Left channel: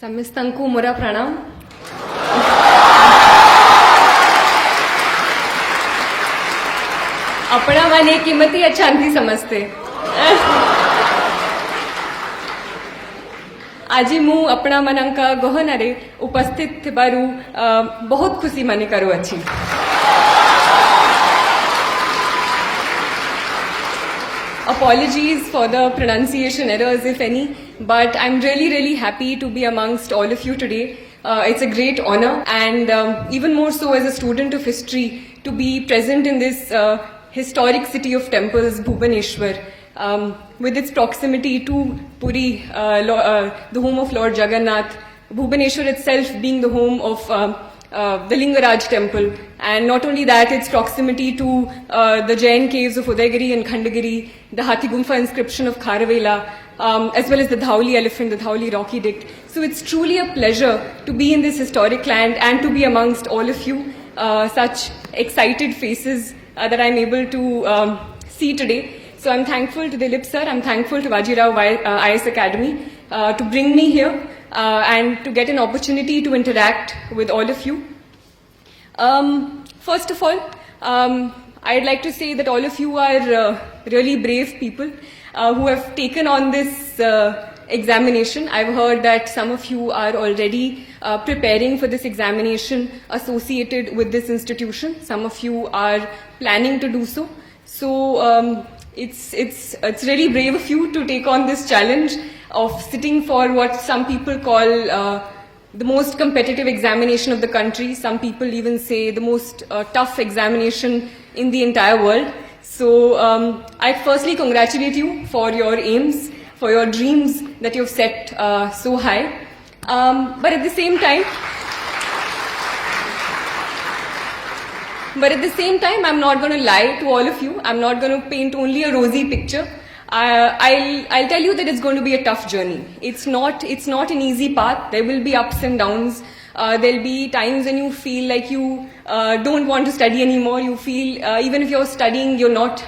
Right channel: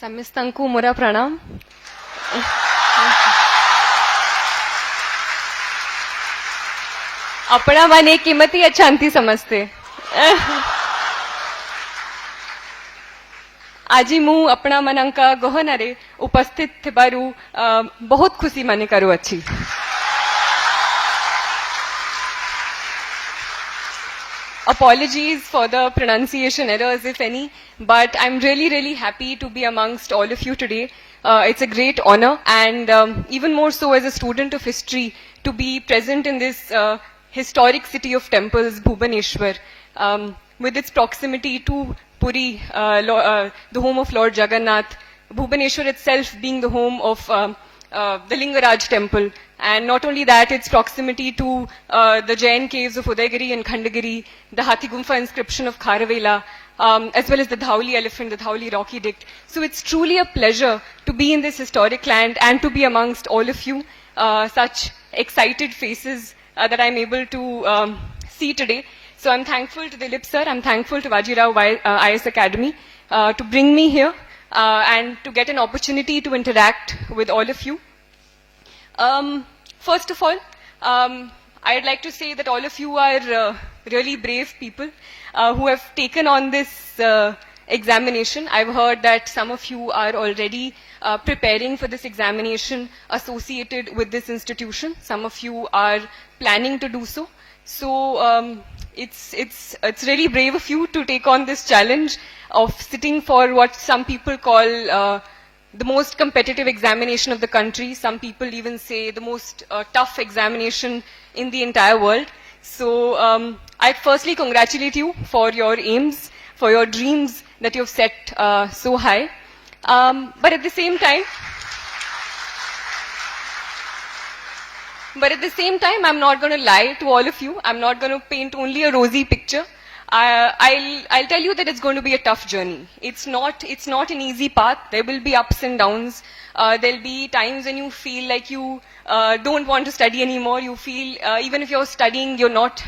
ସମସ୍ତଙ୍କୁ ମୋର ପ୍ରଣାମ। अपना माने किमती अच्छांती समझते। आज मु अपना मनंका गहनारे उपस्थित थिबारु बहुत खुशी माने करू अच्छी। Apologies for the pronunciation errors, if any, but I'm really happy to be amongst all of you today. It's a great honor, and even more so as a student of history, to be present in this historic city of temples, Bhubaneswar, with its proximity to Puri, the home of Lord Jagannath, Bhubaneswar itself being the home of the Lingaraj temple, and not only that, its proximity to the Jain caves of Udaygiri and Khandagiri, the Hathi Gumfa inscription of Kharavela, as well as the Dhauli elephant, the Dhauli rock edict. So it's truly a pleasure to be in this historic land and to be amongst all of you, such excited faces that I'm able to see today. So I'm thankful to Dilip sir, I'm thankful to Vajirao IAS Academy to bring me here and to get an opportunity to interact with all of you. First of all, I'd like to say that all of you are really brave people who have taken on this examination. I've heard that some of you are already preparing for this examination associated with this institution. Some of you are planning to do so. So it's really brave of you to take on this challenge of sitting for what some people call the most competitive examination of the country. Some people even say the most tough examination in the entire world. So I firstly congratulate you for your aims, for your dreams that you've set so high. But at the same time, I'm not going to lie to all of you. I'm not going to paint only a rosy picture. I'll tell you that it's going to be a tough journey. It's not an easy path. There will be ups and downs. There'll be times when you feel like you don't want to study anymore. You feel even if you're studying, you're not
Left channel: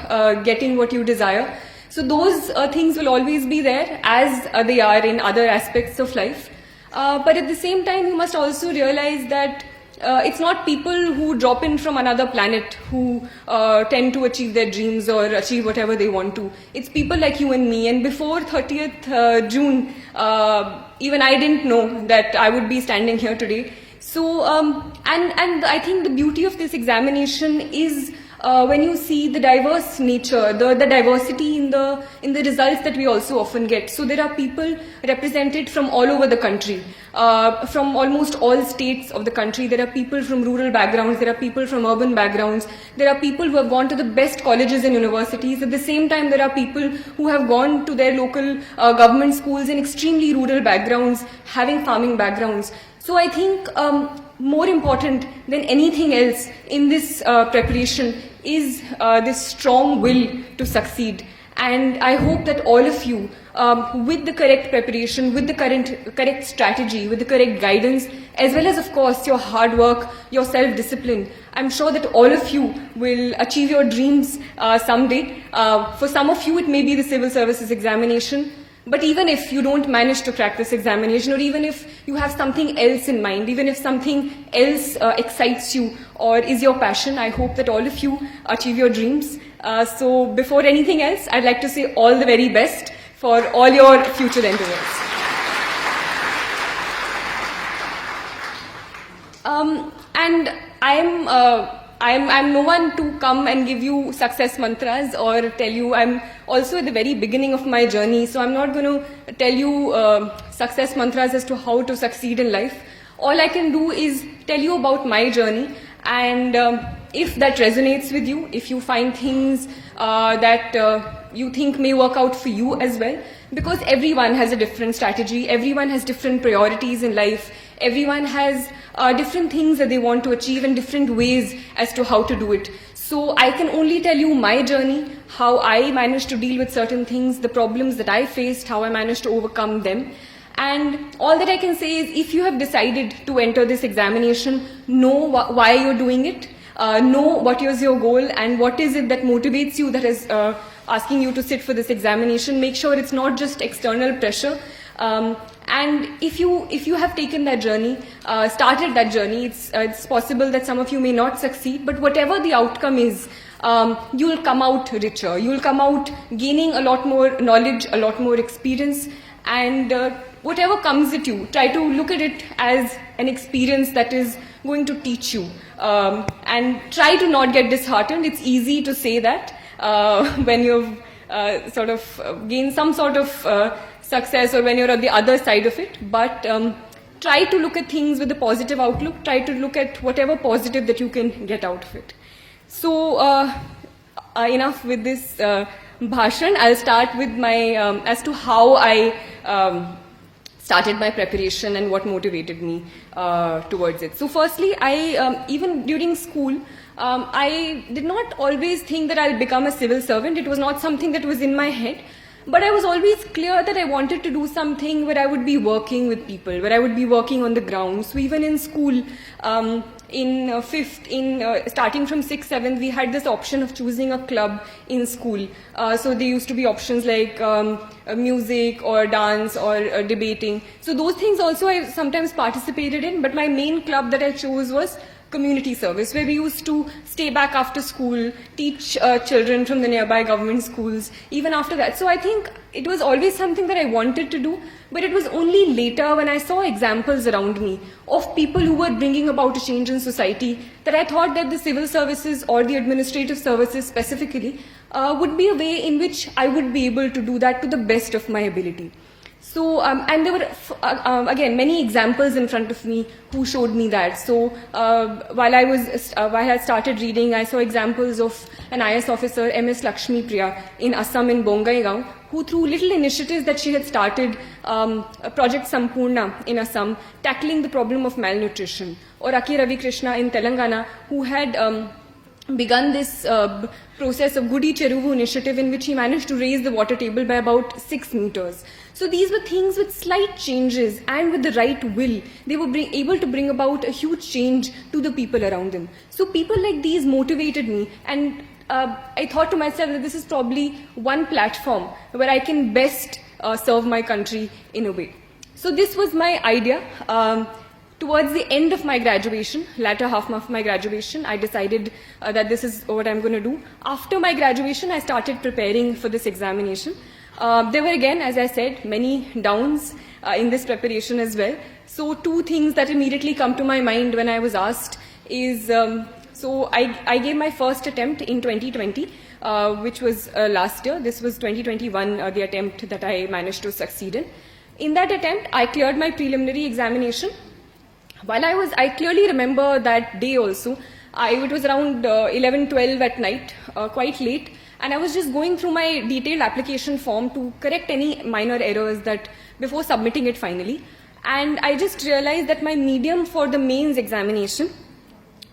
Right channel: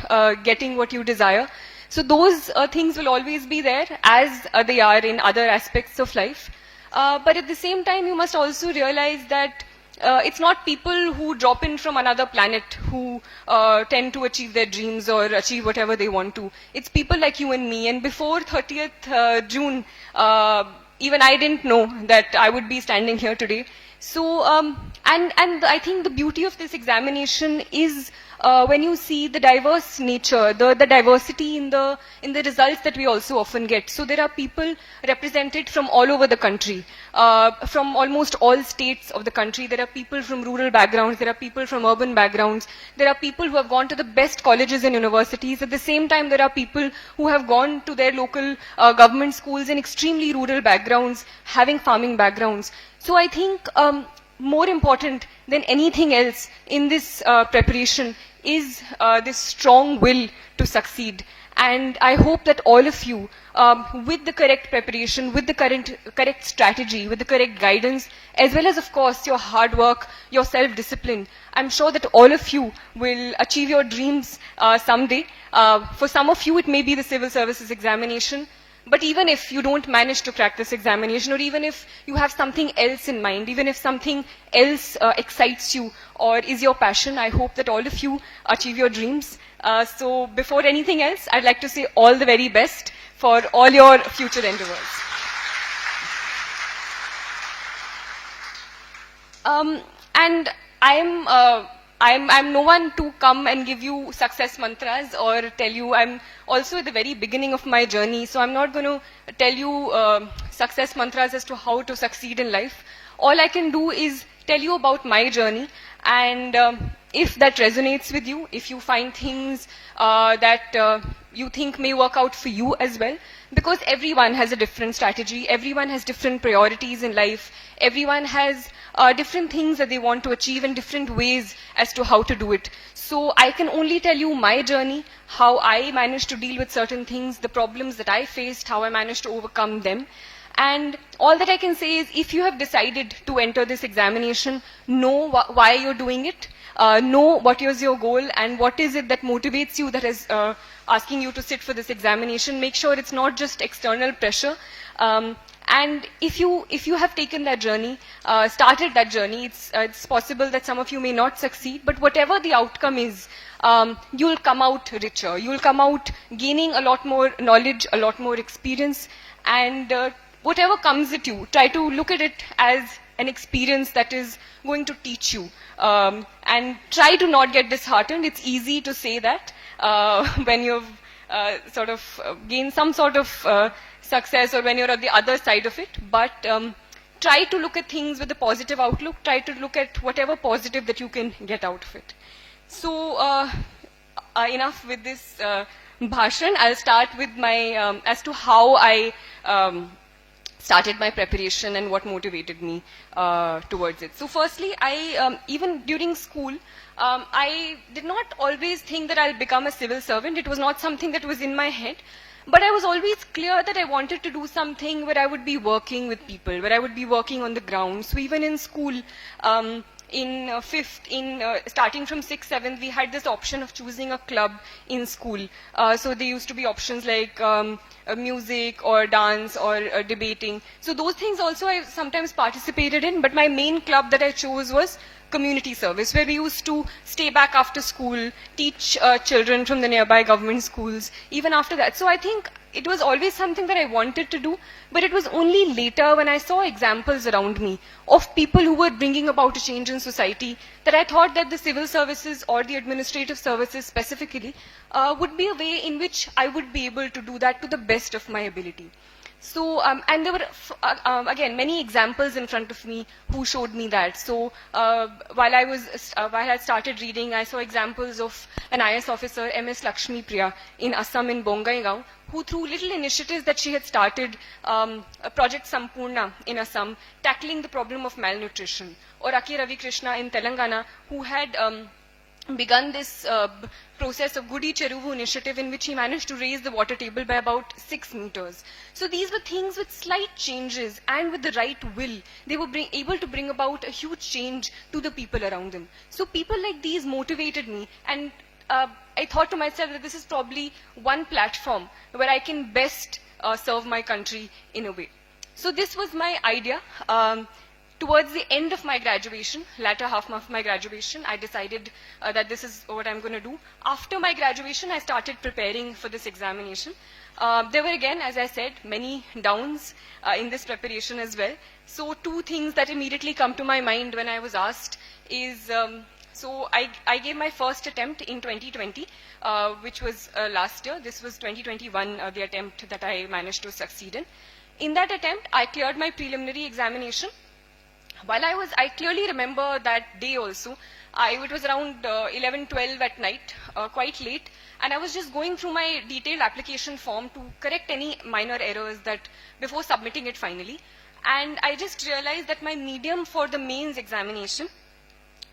getting what you desire. So those things will always be there, as they are in other aspects of life. But at the same time, you must also realize that it's not people who drop in from another planet who tend to achieve their dreams or achieve whatever they want to. It's people like you and me. And before 30th June, even I didn't know that I would be standing here today. So, and I think the beauty of this examination is when you see the diverse nature, the diversity in the results that we also often get. So there are people represented from all over the country, from almost all states of the country. There are people from rural backgrounds, there are people from urban backgrounds, there are people who have gone to the best colleges and universities. At the same time, there are people who have gone to their local government schools in extremely rural backgrounds, having farming backgrounds. So I think more important than anything else in this preparation is this strong will to succeed. And I hope that all of you, with the correct preparation, with the correct strategy, with the correct guidance, as well as, of course, your hard work, your self-discipline, I'm sure that all of you will achieve your dreams someday. For some of you, it may be the civil services examination. But even if you don't manage to crack this examination, or even if you have something else in mind, even if something else excites you or is your passion, I hope that all of you achieve your dreams. So before anything else, I'd like to say all the very best for all your future endeavors. And I'm no one to come and give you success mantras or tell you. I'm also at the very beginning of my journey, so I'm not going to tell you success mantras as to how to succeed in life. All I can do is tell you about my journey, and if that resonates with you, if you find things that you think may work out for you as well, because everyone has a different strategy, everyone has different priorities in life, everyone has different things that they want to achieve and different ways as to how to do it. So I can only tell you my journey, how I managed to deal with certain things, the problems that I faced, how I managed to overcome them. And all that I can say is, if you have decided to enter this examination, know why you're doing it, know what is your goal and what is it that motivates you, that is asking you to sit for this examination. Make sure it's not just external pressure. And if you have taken that journey, started that journey, it's possible that some of you may not succeed, but whatever the outcome is, you'll come out richer. You'll come out gaining a lot more knowledge, a lot more experience, and whatever comes at you, try to look at it as an experience that is going to teach you. And try to not get disheartened. It's easy to say that when you've sort of gained some sort of success, or when you're on the other side of it. But try to look at things with a positive outlook. Try to look at whatever positive that you can get out of it. So enough with this bhashan. I'll start with my as to how I started my preparation and what motivated me towards it. So firstly, I even during school, I did not always think that I'll become a civil servant. It was not something that was in my head. But I was always clear that I wanted to do something where I would be working with people, where I would be working on the ground. So even in school, starting from 6th, 7th, we had this option of choosing a club in school. So there used to be options like music or dance or debating. So those things also I sometimes participated in, but my main club that I chose was community service, where we used to stay back after school, teach children from the nearby government schools, even after that. So I think it was always something that I wanted to do, but it was only later when I saw examples around me of people who were bringing about a change in society that I thought that the civil services or the administrative services specifically would be a way in which I would be able to do that to the best of my ability. So, and there were, again, many examples in front of me who showed me that. So, while I had started reading, I saw examples of an IAS officer, MS Lakshmi Priya, in Assam in Bongaigaon, who through little initiatives that she had started, Project Sampurna in Assam, tackling the problem of malnutrition. Or Aki Ravi Krishna in Telangana, who had begun this process of Gudi Cheruvu initiative, in which he managed to raise the water table by about 6 meters. So these were things with slight changes, and with the right will, they were able to bring about a huge change to the people around them. So people like these motivated me, and I thought to myself that this is probably one platform where I can best serve my country in a way. So this was my idea. Towards the end of my graduation, latter half of my graduation, I decided that this is what I'm going to do. After my graduation, I started preparing for this examination. There were, again, as I said, many downs in this preparation as well. So 2 things that immediately come to my mind when I was asked is, so I gave my first attempt in 2020, which was last year. This was 2021, the attempt that I managed to succeed in. In that attempt, I cleared my preliminary examination. While I clearly remember that day also. It was around 11, 12 at night, quite late. And I was just going through my detailed application form to correct any minor errors that before submitting it finally. And I just realized that my medium for the mains examination,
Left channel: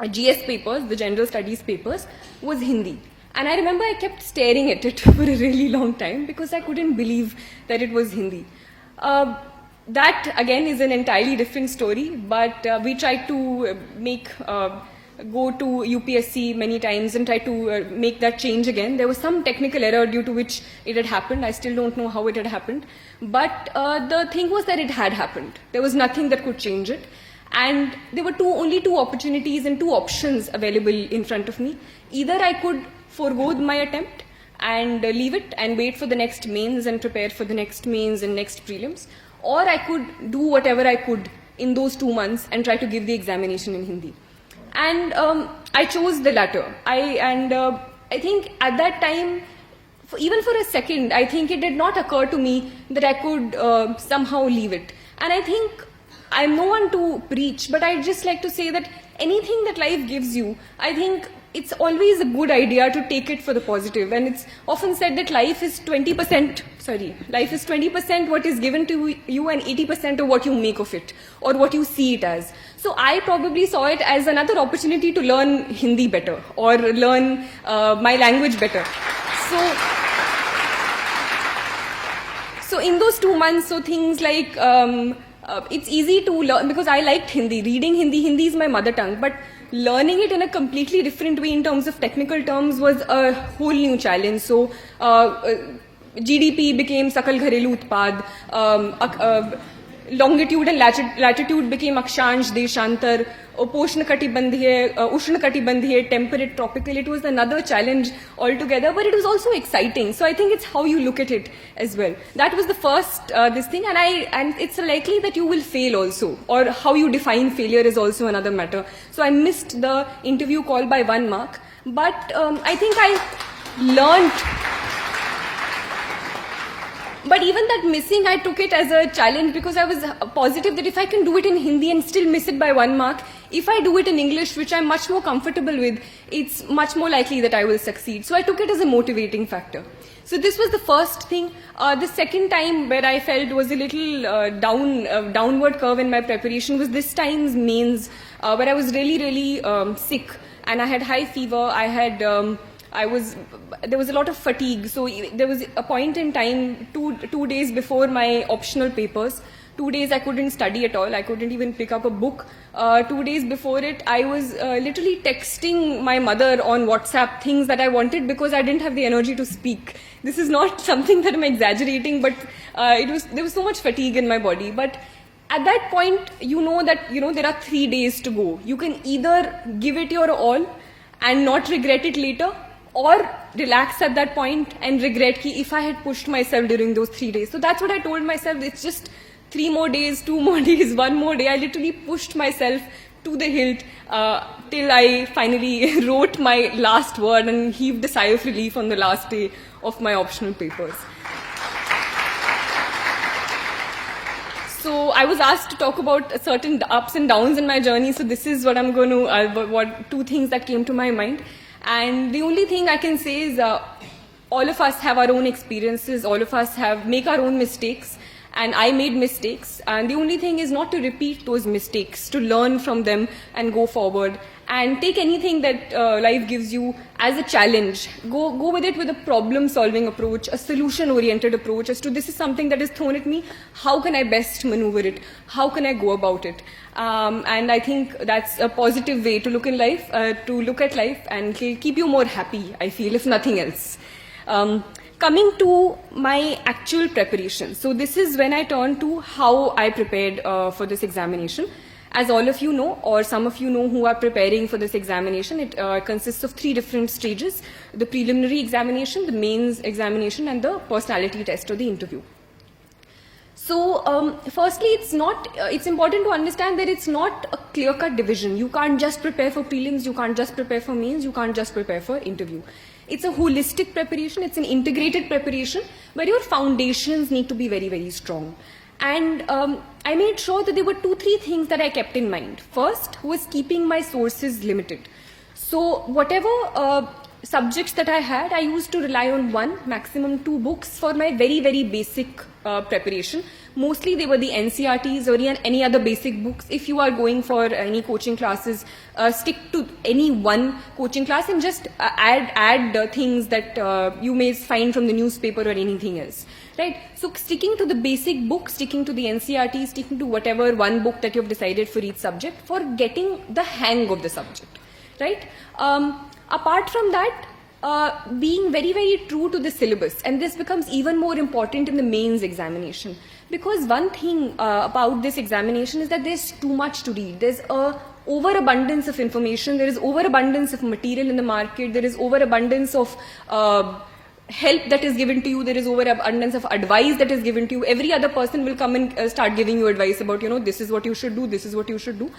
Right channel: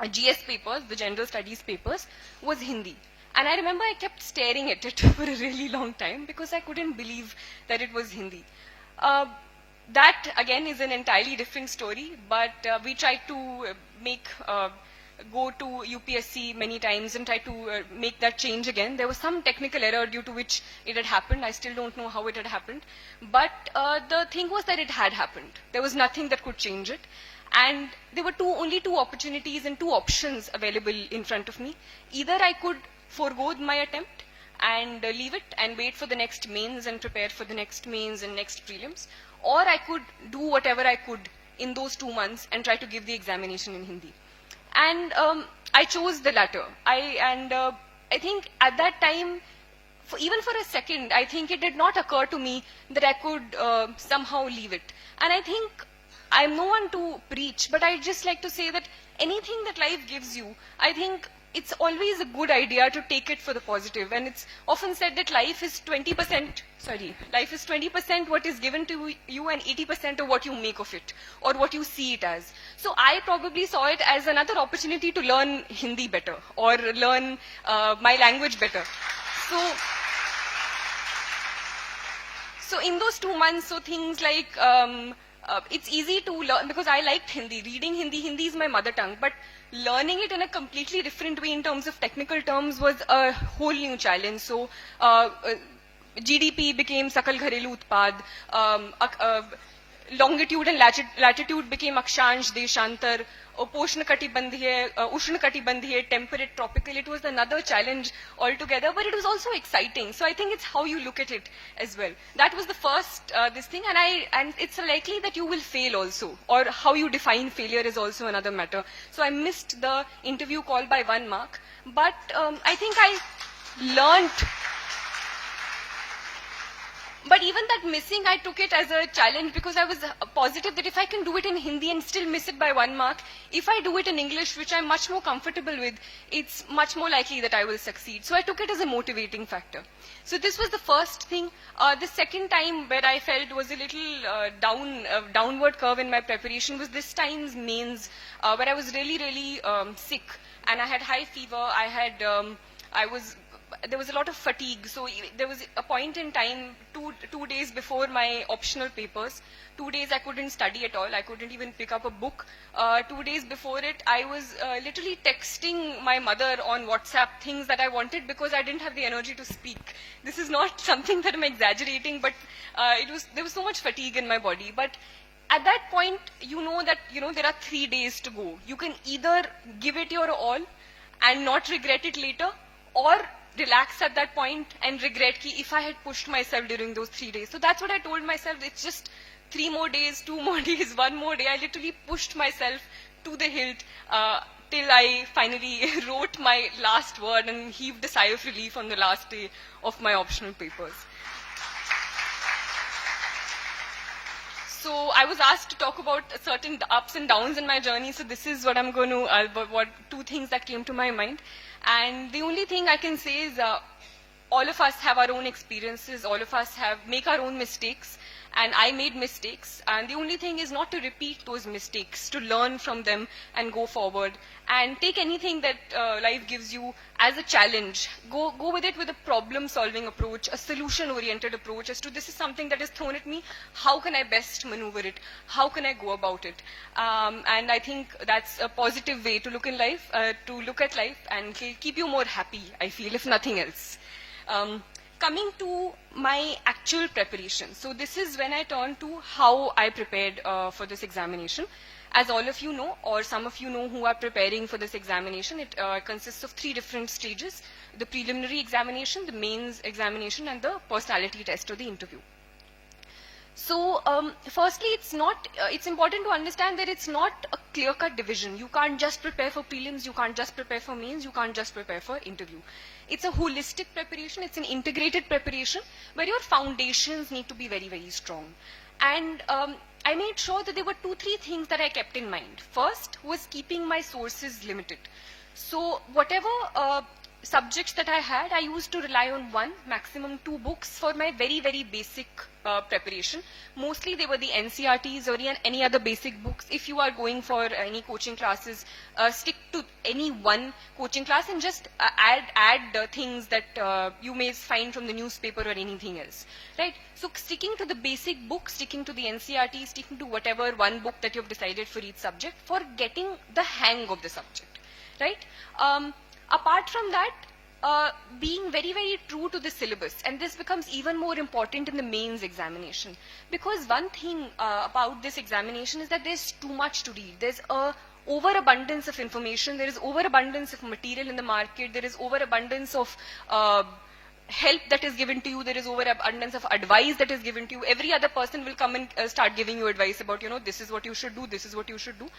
GS papers, the general studies papers, was Hindi. And I remember I kept staring at it for a really long time because I couldn't believe that it was Hindi. That again is an entirely different story, but we tried to go to UPSC many times and try to make that change again. There was some technical error due to which it had happened. I still don't know how it had happened. But the thing was that it had happened. There was nothing that could change it. And there were only two opportunities and 2 options available in front of me. Either I could forego my attempt and leave it and wait for the next mains and prepare for the next mains and next prelims, or I could do whatever I could in those 2 months and try to give the examination in Hindi. And I chose the latter. I think at that time, even for a second, I think it did not occur to me that I could somehow leave it. And I think I'm no one to preach, but I'd just like to say that anything that life gives you, I think it's always a good idea to take it for the positive. And it's often said that life is 20% what is given to you and 80% of what you make of it or what you see it as. So I probably saw it as another opportunity to learn Hindi better or learn my language better. So in those 2 months, so things like, it's easy to learn because I liked Hindi. Reading Hindi is my mother tongue, but learning it in a completely different way in terms of technical terms was a whole new challenge. So GDP became Sakal Gharelu Utpad. longitude and latitude became Akshansh, Deshantar, Ushnakatibandhiya, temperate, tropical. It was another challenge altogether, but it was also exciting. So I think it's how you look at it as well. That was the first this thing, and it's likely that you will fail also, or how you define failure is also another matter. So I missed the interview call by 1 mark, but I think I learned. But even that missing, I took it as a challenge because I was positive that if I can do it in Hindi and still miss it by 1 mark, if I do it in English, which I'm much more comfortable with, it's much more likely that I will succeed. So I took it as a motivating factor. So this was the first thing. The second time where I felt was a little downward curve in my preparation was this time's mains, where I was really sick, and I had high fever. There was a lot of fatigue. So there was a point in time, two days before my optional papers, 2 days I couldn't study at all. I couldn't even pick up a book. 2 days before it, I was literally texting my mother on WhatsApp things that I wanted because I didn't have the energy to speak. This is not something that I'm exaggerating, but there was so much fatigue in my body. But at that point, you know that there are 3 days to go. You can either give it your all and not regret it later, or relax at that point and regret ki if I had pushed myself during those 3 days. So that's what I told myself. It's just 3 more days, 2 more days, 1 more day. I literally pushed myself to the hilt till I finally wrote my last word and heaved a sigh of relief on the last day of my optional papers. So I was asked to talk about certain ups and downs in my journey. So this is what I'm going to, 2 things that came to my mind. And the only thing I can say is all of us have our own experiences, all of us make our own mistakes, and I made mistakes. And the only thing is not to repeat those mistakes, to learn from them and go forward. And take anything that life gives you as a challenge. Go with it with a problem-solving approach, a solution-oriented approach as to this is something that is thrown at me, how can I best maneuver it, how can I go about it. And I think that's a positive way to look at life and keep you more happy, I feel, if nothing else. Coming to my actual preparation. So this is when I turn to how I prepared for this examination. As all of you know, or some of you know who are preparing for this examination, it consists of 3 different stages: the preliminary examination, the mains examination, and the personality test or the interview. So firstly, it's important to understand that it's not a clear-cut division. You can't just prepare for prelims, you can't just prepare for mains, you can't just prepare for interview. It's a holistic preparation, it's an integrated preparation where your foundations need to be very strong. And I made sure that there were 2-3 things that I kept in mind. First was keeping my sources limited. So whatever subjects that I had, I used to rely on 1, maximum 2 books for my very basic preparation. Mostly they were the NCRTs or any other basic books. If you are going for any coaching classes, stick to any one coaching class and just add things that you may find from the newspaper or anything else. Right? So sticking to the basic book, sticking to the NCRT, sticking to whatever one book that you have decided for each subject for getting the hang of the subject. Right? Apart from that, being very true to the syllabus, and this becomes even more important in the mains examination, because one thing about this examination is that there's too much to read. There's a overabundance of information, there is overabundance of material in the market, there is overabundance of help that is given to you, there is overabundance of advice that is given to you. Every other person will come and start giving you advice about, this is what you should do, this is what you should do.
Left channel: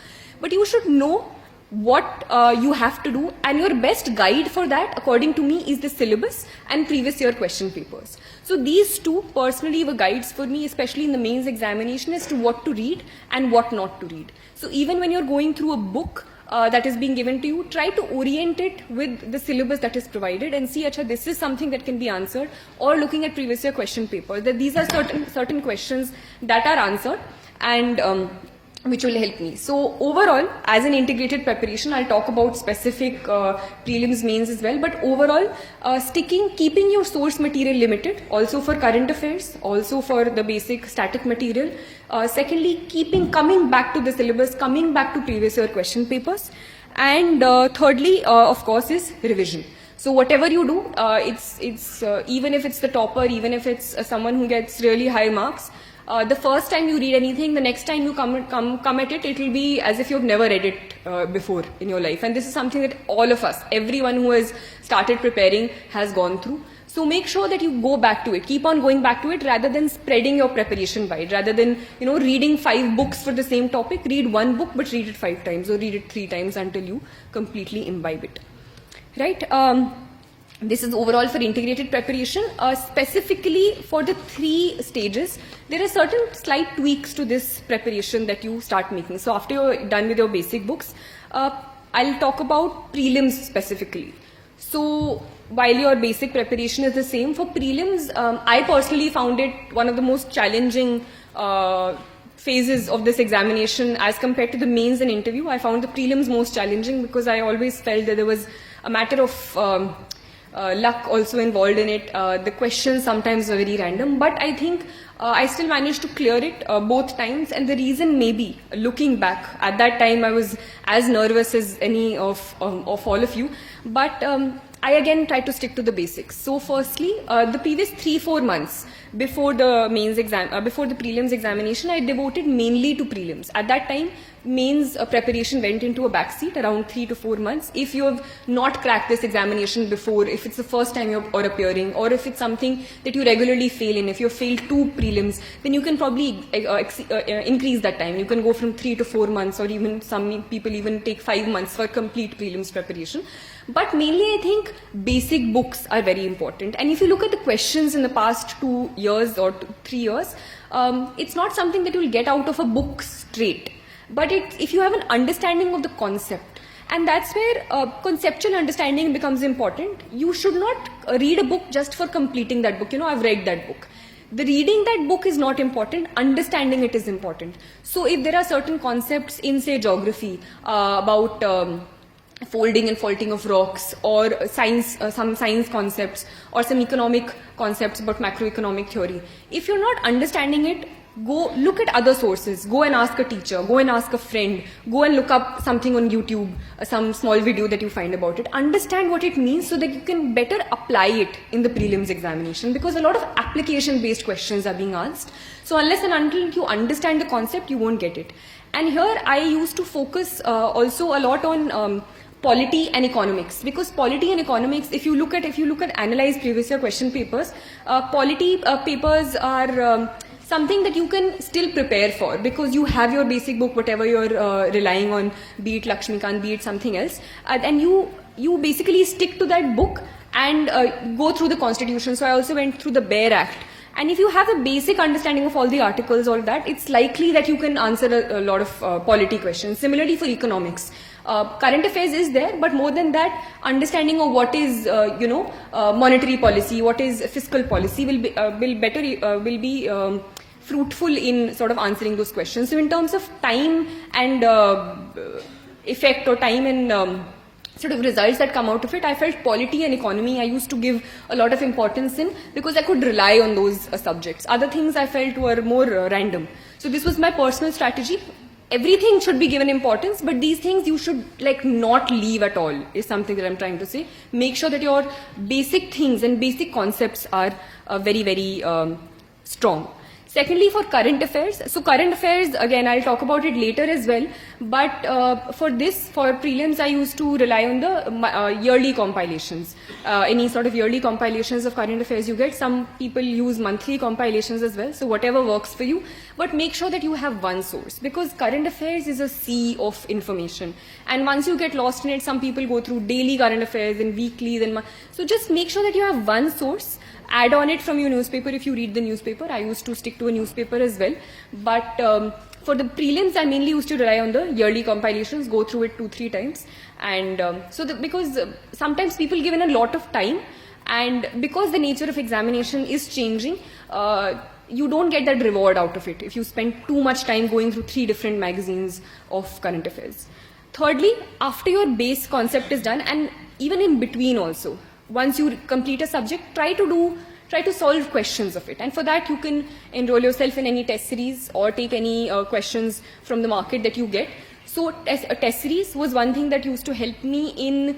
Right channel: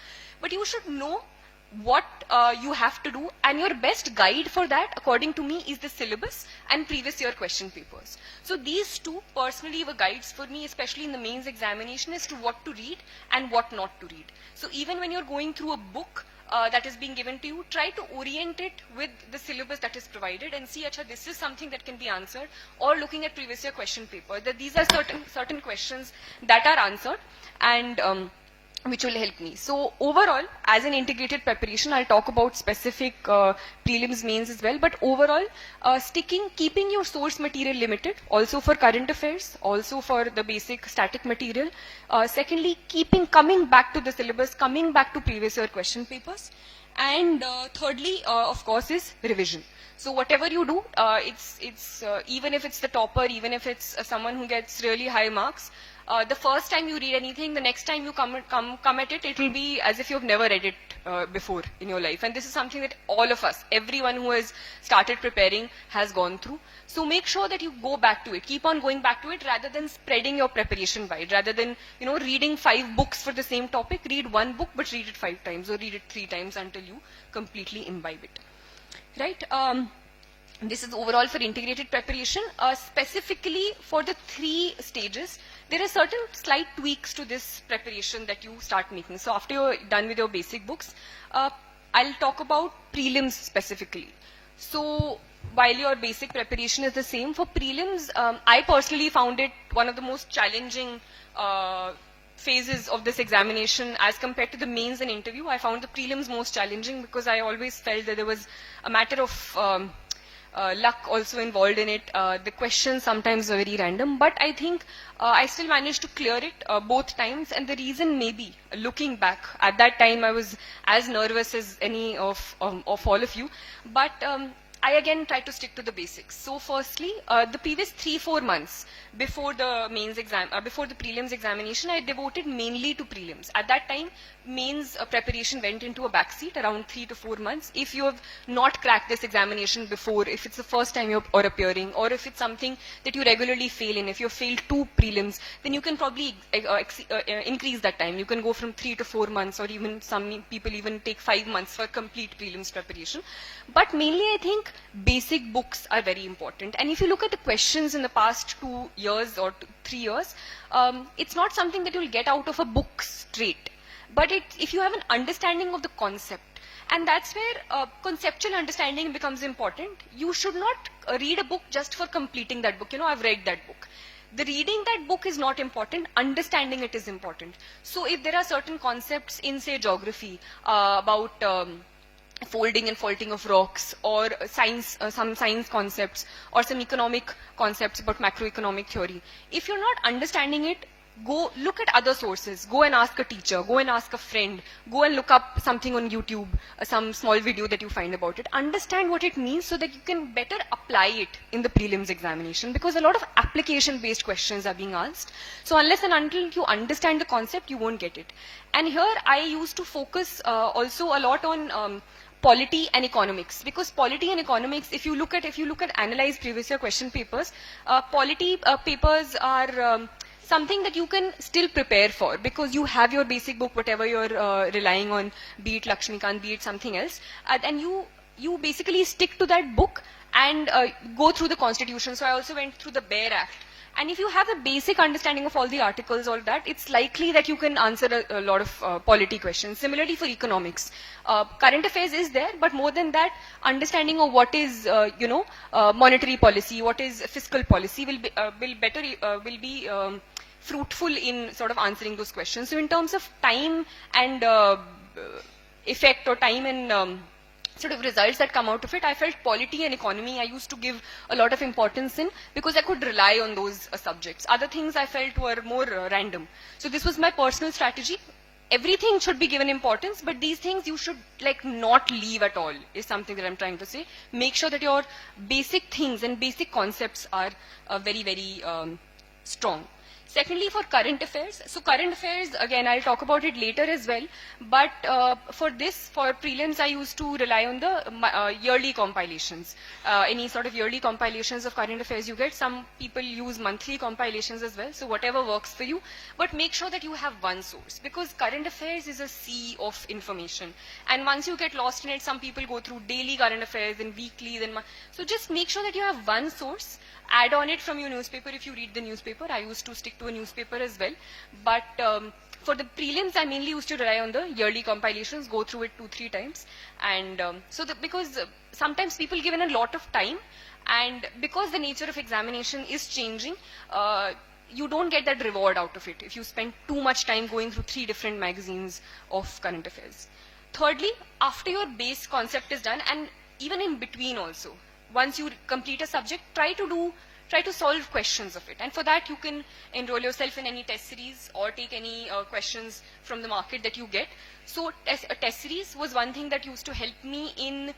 But you should know what you have to do, and your best guide for that, according to me, is the syllabus and previous year question papers. So these 2 personally were guides for me, especially in the mains examination, as to what to read and what not to read. So even when you're going through a book that is being given to you, try to orient it with the syllabus that is provided and see, this is something that can be answered, or looking at previous year question papers, that these are certain questions that are answered and which will help me. So overall, as an integrated preparation, I'll talk about specific prelims, mains as well, but overall, keeping your source material limited, also for current affairs, also for the basic static material. Secondly, coming back to the syllabus, coming back to previous year question papers. And thirdly, of course, is revision. So whatever you do, it's even if it's the topper, even if it's someone who gets really high marks, The first time you read anything, the next time you come at it, it will be as if you've never read it before in your life. And this is something that all of us, everyone who has started preparing, has gone through. So make sure that you go back to it. Keep on going back to it rather than spreading your preparation wide. Rather than, reading 5 books for the same topic, read one book but read it 5 times or read it 3 times until you completely imbibe it. Right? This is overall for integrated preparation. Specifically for the 3 stages, there are certain slight tweaks to this preparation that you start making. So after you're done with your basic books, I'll talk about prelims specifically. So while your basic preparation is the same, for prelims, I personally found it one of the most challenging phases of this examination as compared to the mains and interview. I found the prelims most challenging because I always felt that there was a matter of luck also involved in it. The questions sometimes were very random, but I think I still managed to clear it both times. And the reason maybe, looking back, at that time I was as nervous as any of all of you, but I again tried to stick to the basics. So firstly, the previous 3-4 months before the mains exam, before the prelims examination, I devoted mainly to prelims. At that time, mains preparation went into a backseat around 3 to 4 months. If you have not cracked this examination before, if it's the first time you're appearing, or if it's something that you regularly fail in, if you've failed 2 prelims, then you can probably increase that time. You can go from 3 to 4 months, or even some people even take 5 months for complete prelims preparation. But mainly I think basic books are very important. And if you look at the questions in the past 2 years or 3 years, it's not something that you will get out of a book straight. But if you have an understanding of the concept, and that's where conceptual understanding becomes important. You should not read a book just for completing that book. I've read that book. The reading that book is not important, understanding it is important. So if there are certain concepts in, say, geography about folding and faulting of rocks, or science, some science concepts, or some economic concepts about macroeconomic theory, if you're not understanding it, go look at other sources, go and ask a teacher, go and ask a friend, go and look up something on YouTube, some small video that you find about it. Understand what it means so that you can better apply it in the prelims examination, because a lot of application based questions are being asked. So unless and until you understand the concept, you won't get it. And here I used to focus also a lot on polity and economics, because polity and economics, if you look at analyzed previous year question papers, polity papers are something that you can still prepare for, because you have your basic book, whatever you're relying on, be it Lakshmikant, be it something else, and you basically stick to that book and go through the constitution. So I also went through the Bare Act. And if you have a basic understanding of all the articles, all that, it's likely that you can answer a lot of polity questions. Similarly for economics, current affairs is there, but more than that, understanding of what is, monetary policy, what is fiscal policy will be fruitful in sort of answering those questions. So in terms of time and effect, or time and sort of results that come out of it, I felt polity and economy I used to give a lot of importance in, because I could rely on those subjects. Other things I felt were more random. So this was my personal strategy. Everything should be given importance, but these things you should not leave at all, is something that I'm trying to say. Make sure that your basic things and basic concepts are very, very strong. Secondly, for current affairs, so current affairs, again, I'll talk about it later as well, but for prelims, I used to rely on the yearly compilations. Any sort of yearly compilations of current affairs you get. Some people use monthly compilations as well, so whatever works for you, but make sure that you have one source, because current affairs is a sea of information, and once you get lost in it, some people go through daily current affairs and weekly, so just make sure that you have one source. Add on it from your newspaper if you read the newspaper. I used to stick to a newspaper as well. But for the prelims, I mainly used to rely on the yearly compilations, go through it 2-3 times. And because sometimes people given a lot of time, and because the nature of examination is changing, you don't get that reward out of it if you spend too much time going through 3 different magazines of current affairs. Thirdly, after your base concept is done, and even in between also, once you complete a subject, try to solve questions of it. And for that, you can enroll yourself in any test series or take any questions from the market that you get. So a test series was one thing that used to help me in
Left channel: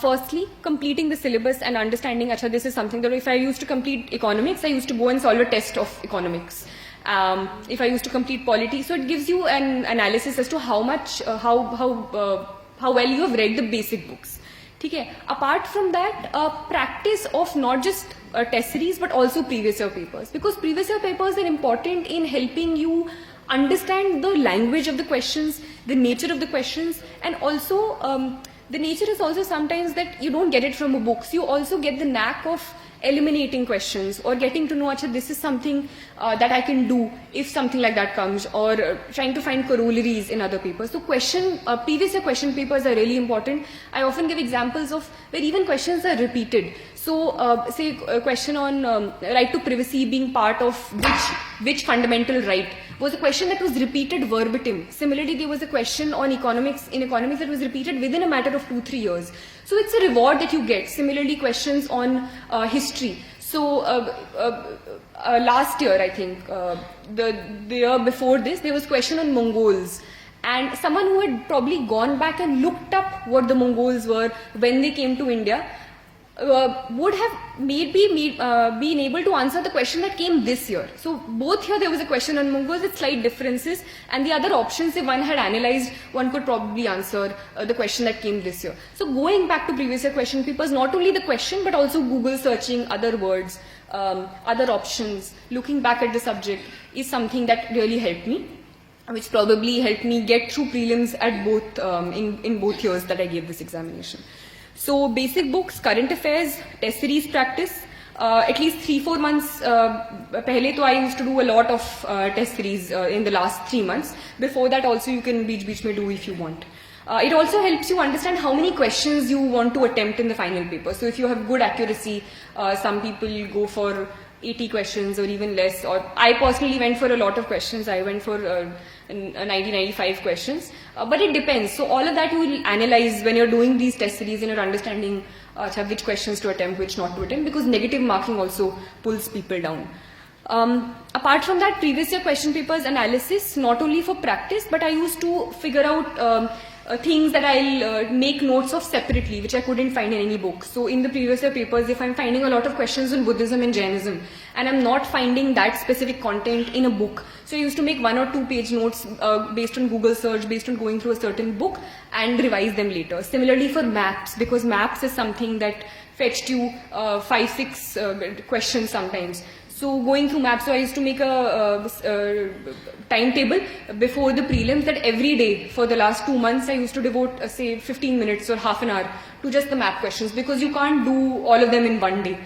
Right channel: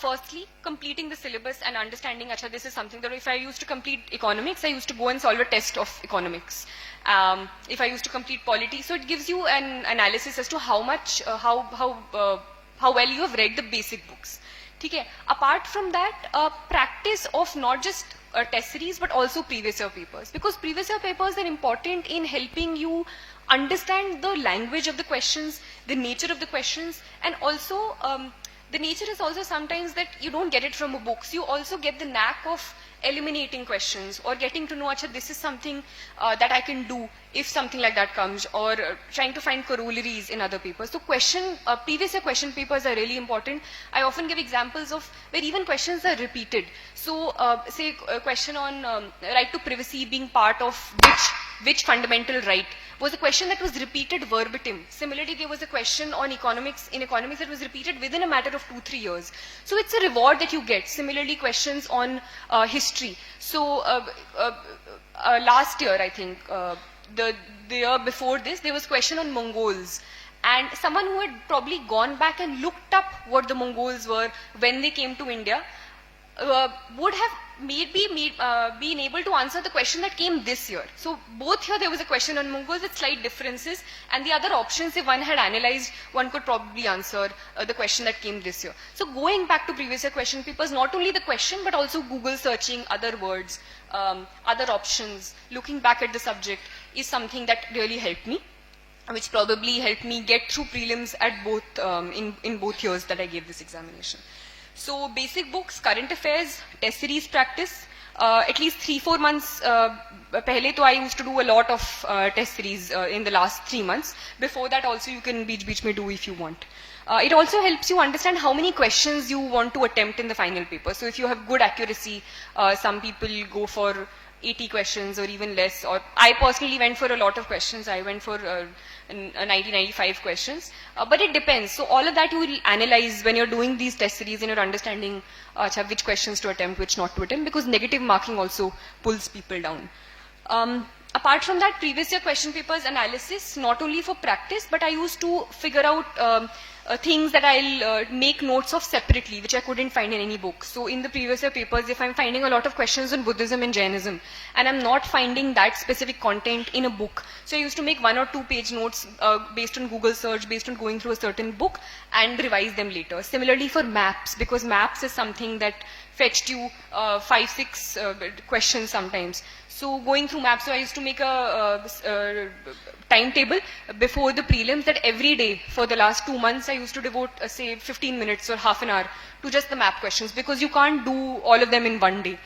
firstly completing the syllabus and understanding, this is something that if I used to complete economics, I used to go and solve a test of economics. if I used to complete polity. So it gives you an analysis as to how much, how well you have read the basic books. Okay. Apart from that, practice of not just test series but also previous year papers, because previous year papers are important in helping you understand the language of the questions, the nature of the questions, and also the nature is also sometimes that you don't get it from the books. You also get the knack of eliminating questions or getting to know, actually, this is something that I can do if something like that comes, or trying to find corollaries in other papers. So previous year question papers are really important. I often give examples of where even questions are repeated. So say a question on right to privacy being part of which fundamental right was a question that was repeated verbatim. Similarly, there was a question on economics that was repeated within a matter of 2-3 years. So it's a reward that you get. Similarly, questions on history. So last year, I think, the year before this, there was a question on Mongols. And someone who had probably gone back and looked up what the Mongols were when they came to India would have maybe been able to answer the question that came this year. So both here there was a question on Mongols with slight differences, and the other options, if one had analyzed, one could probably answer the question that came this year. So going back to previous year question papers, not only the question but also Google searching other words, other options, looking back at the subject is something that really helped me, which probably helped me get through prelims at both in both years that I gave this examination. So basic books, current affairs, test series practice, at least 3-4 months pehle to I used to do a lot of test series in the last 3 months. Before that also you can beech mein do if you want. It also helps you understand how many questions you want to attempt in the final paper. So if you have good accuracy, some people go for 80 questions or even less, or I personally went for a lot of questions. I went for 90-95 questions, but it depends. So all of that you will analyze when you're doing these test series and you're understanding which questions to attempt, which not to attempt, because negative marking also pulls people down. Apart from that, previous year question papers analysis, not only for practice, but I used to figure out things that I'll make notes of separately, which I couldn't find in any book. So in the previous year papers, if I'm finding a lot of questions on Buddhism and Jainism, and I'm not finding that specific content in a book, so I used to make 1 or 2 page notes based on Google search, based on going through a certain book, and revise them later. Similarly for maps, because maps is something that fetched you 5-6 questions sometimes. So going through maps, so I used to make a timetable before the prelims that every day for the last 2 months I used to devote say 15 minutes or half an hour to just the map questions, because you can't do all of them in one day.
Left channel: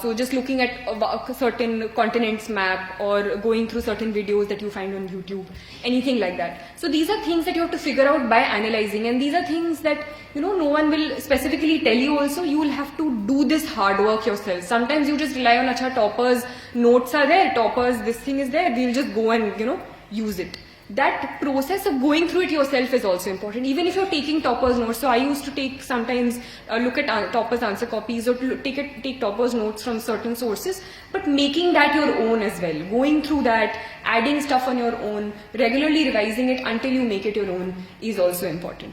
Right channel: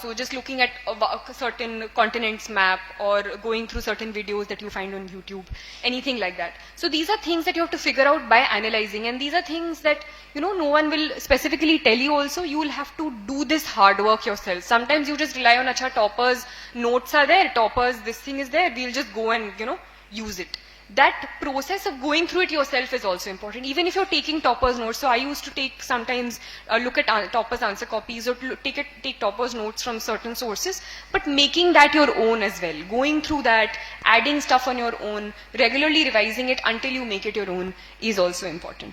So just looking at a certain continent's map or going through certain videos that you find on YouTube, anything like that. So these are things that you have to figure out by analyzing, and these are things that no one will specifically tell you also. You will have to do this hard work yourself. Sometimes you just rely on acha toppers, notes are there, toppers, this thing is there, we'll just go and use it. That process of going through it yourself is also important. Even if you're taking toppers notes, so I used to take sometimes look at toppers answer copies or take toppers notes from certain sources, but making that your own as well. Going through that, adding stuff on your own, regularly revising it until you make it your own is also important.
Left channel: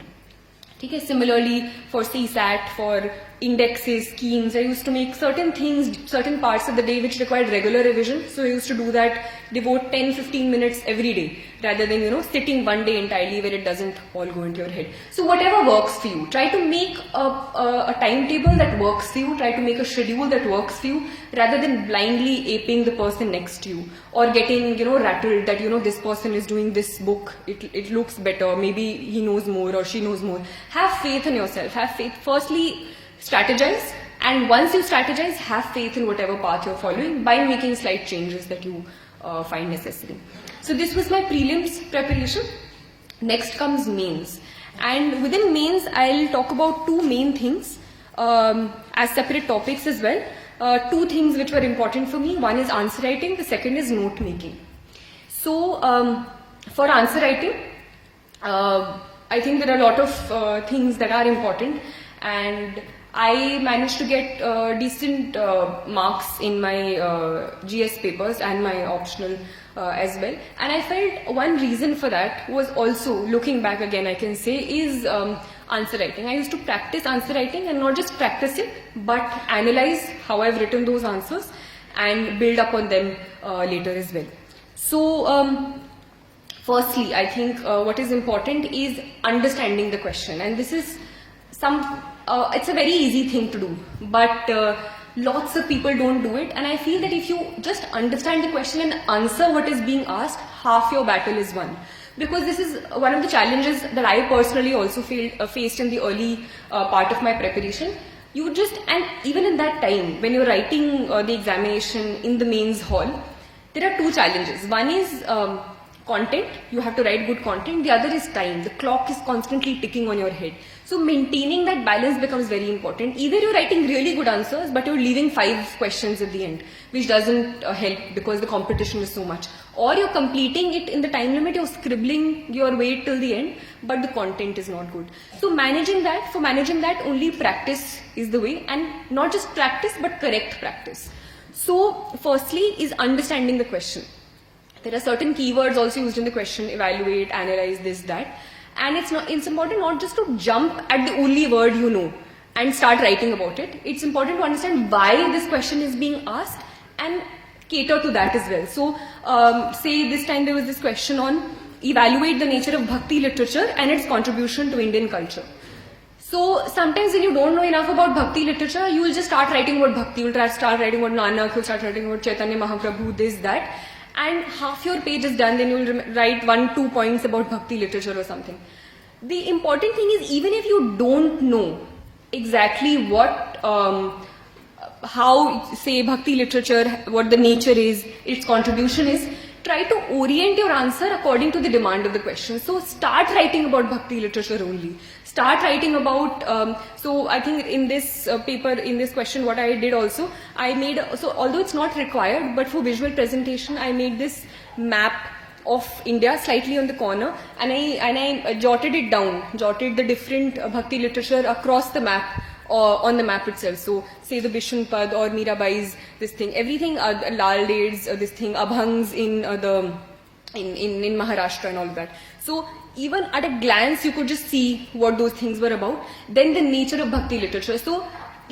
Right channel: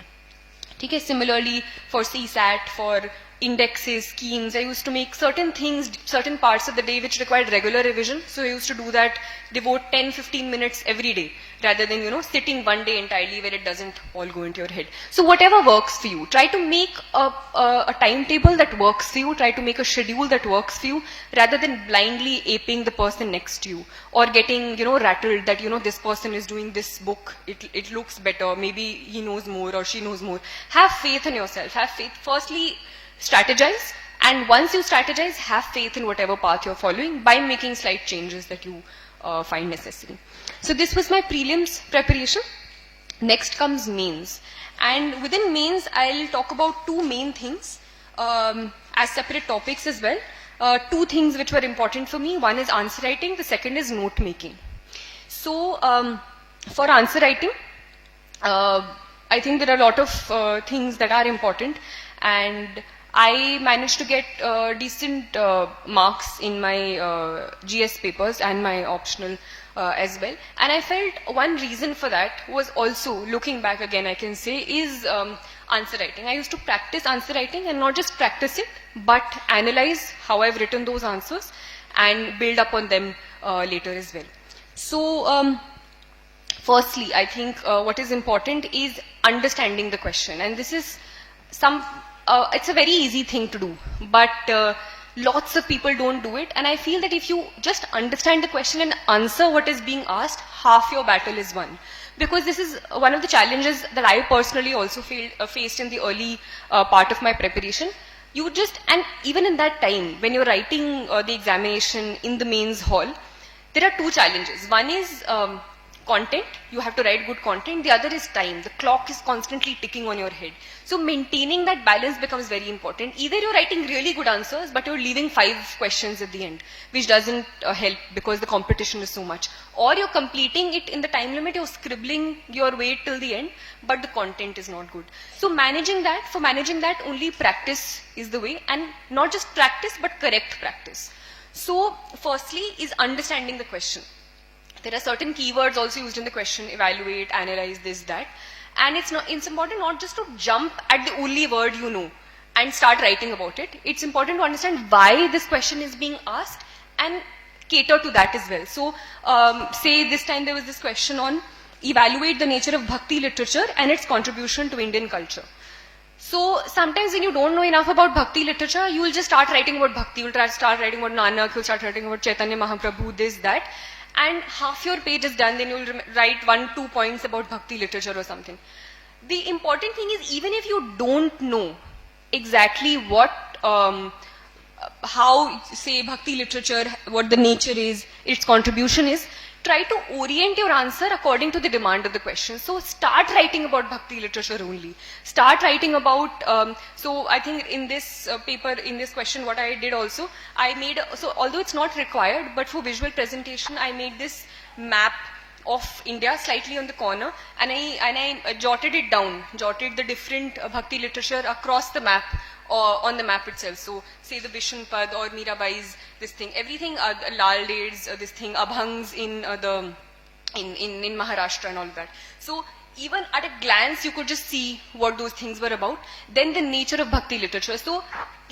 Okay, similarly for CSAT, for indexes, schemes, I used to make certain things, certain parts of the day which required regular revision. So I used to do that, devote 10-15 minutes every day, rather than, sitting one day entirely where it doesn't all go into your head. So whatever works for you, try to make a timetable that works for you, try to make a schedule that works for you, rather than blindly aping the person next to you, or getting, rattled that, this person is doing this book, it looks better, maybe he knows more or she knows more. Have faith in yourself, have faith. Firstly, strategize, and once you strategize, have faith in whatever path you're following by making slight changes that you find necessary. So this was my prelims preparation. Next comes mains, and within mains I'll talk about 2 main things as separate topics as well. 2 things which were important for me. One is answer writing, the second is note making. So for answer writing, I think there are a lot of things that are important, and I managed to get decent marks in my GS papers and my optional as well. And I felt one reason for that was also, looking back again I can say, is answer writing. I used to practice answer writing, and not just practice it, but analyze how I've written those answers and build up on them later as well. So, firstly, I think what is important is understanding the question, and this is it's a very easy thing to do, but lots of people don't do it. And I feel that if you just understand the question and answer what is being asked, half your battle is won. Because this is one of the challenges that I personally also faced in the early part of my preparation. And even in that time, when you're writing the examination in the mains hall, there are two challenges. One is content, you have to write good content. The other is time. The clock is constantly ticking on your head. So maintaining that balance becomes very important. Either you're writing really good answers, but you're leaving 5 questions at the end, which doesn't help because the competition is so much. Or you're completing it in the time limit, you're scribbling your way till the end, but the content is not good. So for managing that, only practice is the way, and not just practice, but correct practice. So firstly is understanding the question. There are certain keywords also used in the question: evaluate, analyze, this, that. And it's important not just to jump at the only word you know and start writing about it. It's important to understand why this question is being asked and cater to that as well. So say this time there was this question on evaluate the nature of Bhakti literature and its contribution to Indian culture. So sometimes when you don't know enough about Bhakti literature, you will just start writing about Bhakti. You will start writing about Nanak, you'll start writing about Chaitanya Mahaprabhu, this, that. And half your page is done, then you'll write 1-2 points about Bhakti literature or something. The important thing is, even if you don't know exactly what, how, say, Bhakti literature, what the nature is, its contribution is, try to orient your answer according to the demand of the question. So start writing about Bhakti literature only. Start writing about, so I think in this paper, in this question, what I did also, I made, so although it's not required, but for visual presentation, I made this map of India slightly on the corner, and I jotted it down, jotted the different Bhakti literature across the map, on the map itself. So say the Bishnupad or Mirabai's, this thing, everything, Lal Ded's, this thing, Abhangs in in Maharashtra and all of that. So even at a glance you could just see what those things were about. Then the nature of Bhakti literature. So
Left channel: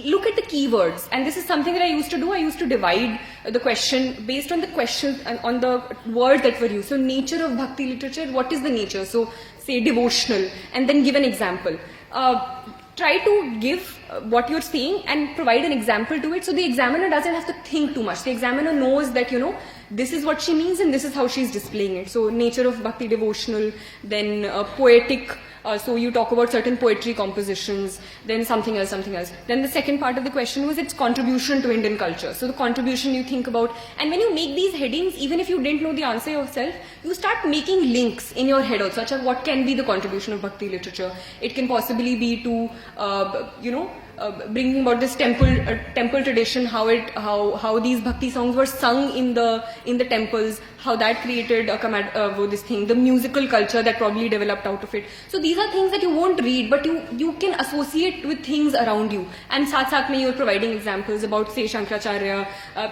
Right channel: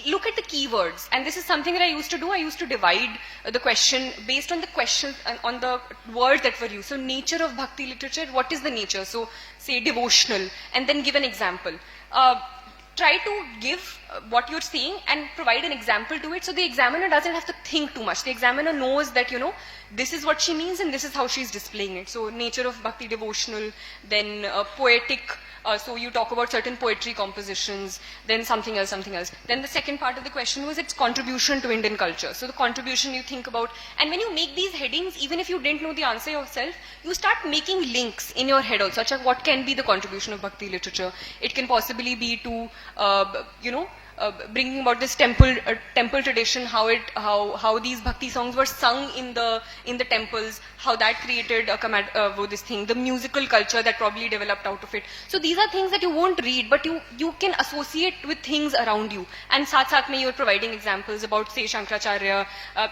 look at the keywords, and this is something that I used to do. I used to divide the question based on the questions and on the words that were used. So nature of Bhakti literature, what is the nature? So say devotional, and then give an example. Try to give what you're saying and provide an example to it, so the examiner doesn't have to think too much. The examiner knows that, you know, this is what she means and this is how she's displaying it. So nature of Bhakti devotional, then poetic, so you talk about certain poetry compositions, then something else. Then the second part of the question was its contribution to Indian culture. So the contribution you think about, and when you make these headings, even if you didn't know the answer yourself, you start making links in your head also, such as what can be the contribution of Bhakti literature. It can possibly be to, bringing about this temple tradition, how these Bhakti songs were sung in the temples, how that created this thing, the musical culture that probably developed out of it. So these are things that you won't read, but you can associate with things around you. And saath mein you're providing examples about, say, Shankaracharya,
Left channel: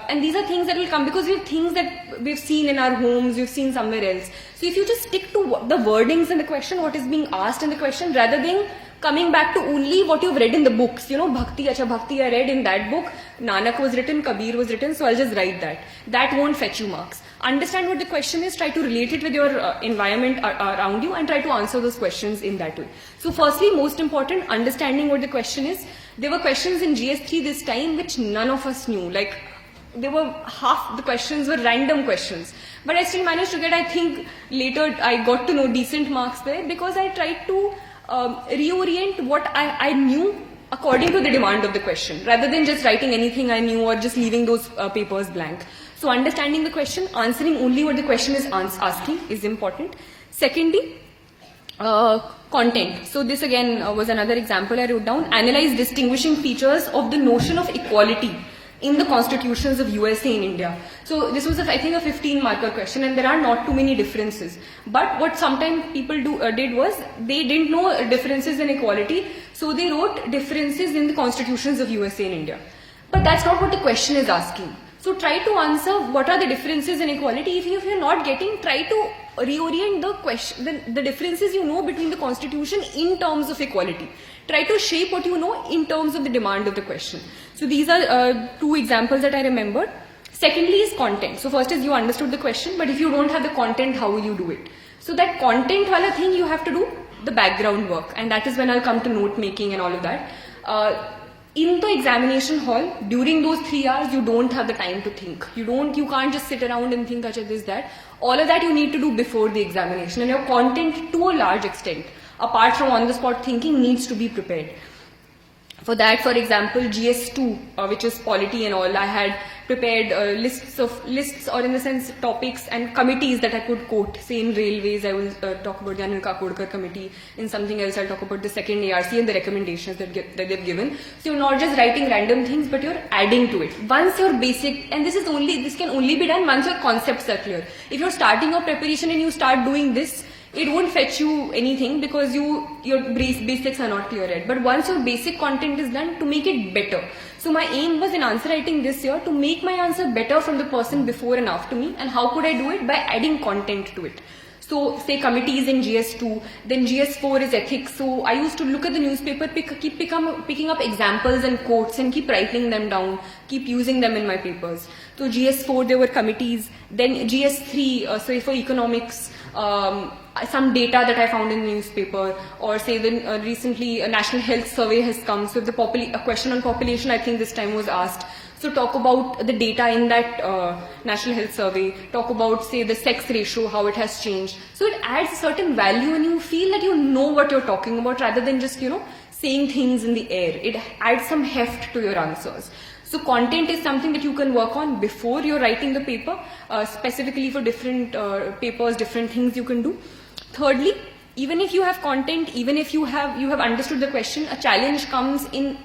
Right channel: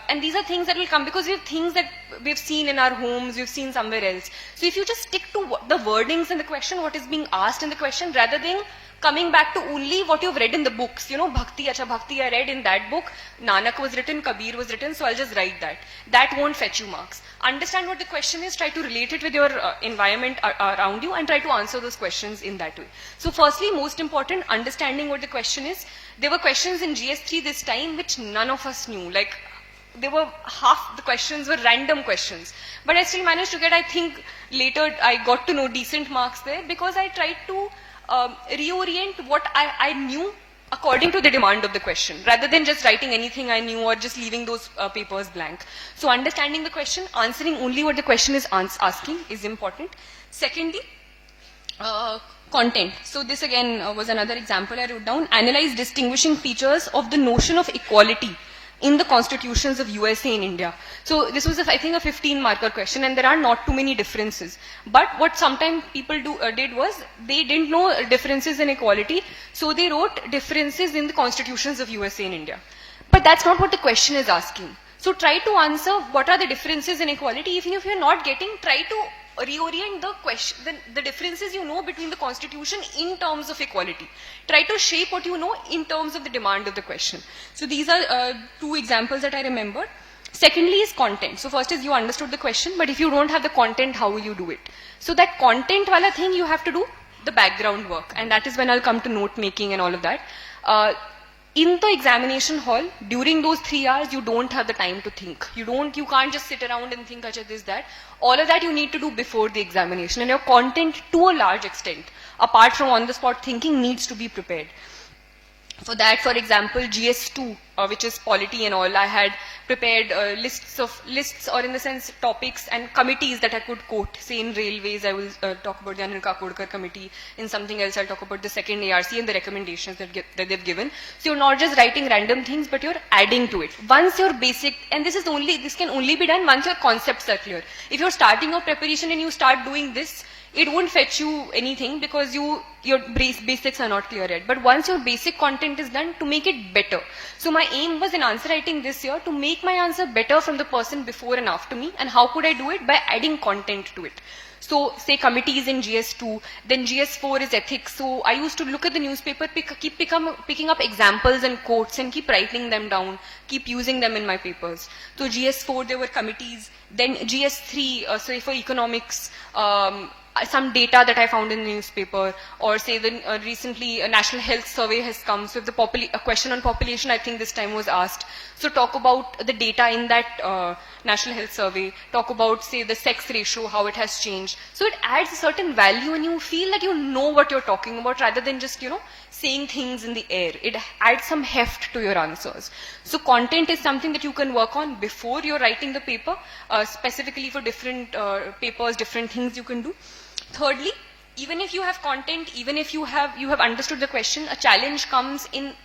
and these are things that will come because we have things that we've seen in our homes, we've seen somewhere else. So if you just stick to the wordings in the question, what is being asked in the question, rather than coming back to only what you've read in the books, you know, Bhakti I read in that book, Nanak was written, Kabir was written, so I'll just write that. That won't fetch you marks. Understand what the question is, try to relate it with your environment around you, and try to answer those questions in that way. So firstly, most important, understanding what the question is. There were questions in GS3 this time which none of us knew, like they were half the questions were random questions, but I still managed to get, I think later I got to know decent marks there, because I tried to reorient what I knew according to the demand of the question, rather than just writing anything I knew or just leaving those papers blank. So understanding the question, answering only what the question is asking is important. Secondly, content. So this again was another example I wrote down. Analyze distinguishing features of the notion of equality in the constitutions of USA and India. So this was, I think, a 15-marker question, and there are not too many differences. But what sometimes people did was, they didn't know differences in equality, so they wrote differences in the constitutions of USA and India. But that's not what the question is asking. So try to answer what are the differences in equality. If you're not getting, try to reorient the question, the differences you know between the constitution in terms of equality. Try to shape what you know in terms of the demand of the question. So these are 2 examples that I remember. Secondly is content. So first is you understood the question, but if you don't have the content, how will you do it? So that content wala thing, you have to do the background work, and that is when I'll come to note making and all of that. In the examination hall, during those 3 hours, you don't have the time to think. You can't just sit around and think, acha, this, that. All of that you need to do before the examination, and your content, to a large extent, apart from on-the-spot thinking, needs to be prepared. For that, for example, GS2, which is polity and all, I had prepared lists, or in the sense topics and committees that I could quote. Say in railways, I will talk about the Anil Kakodkar committee. In something else, I'll talk about the second ARC and the recommendations that they've given. So you're not just writing random things, but you're adding to it. Once your basic, and this can only be done once your concepts are clear. If you're starting your preparation and you start doing this, it won't fetch you anything because your basics are not clear yet. But once your basic content is done, to make it better. So my aim was in answer writing this year to make my answer better from the person before and after me. And how could I do it? By adding content to it. So say committees in GS2, then GS4 is ethics. So I used to look at the newspaper, keep picking up examples and quotes and keep writing them down, keep using them in my papers. So GS4 there were committees, then GS3, so for economics, some data that I found in the newspaper, or say then recently a national health survey has come. So if a question on population, I think this time was asked. So talk about the data in that national health survey, talk about say the sex ratio, how it has changed. So it adds a certain value and you feel that you know what you're talking about rather than just, saying things in the air. It adds some heft to your answers. So content is something that you can work on before you're writing the paper, specifically for different papers, different things you can do. Thirdly, even if you have content, even if you have understood the question, a challenge comes in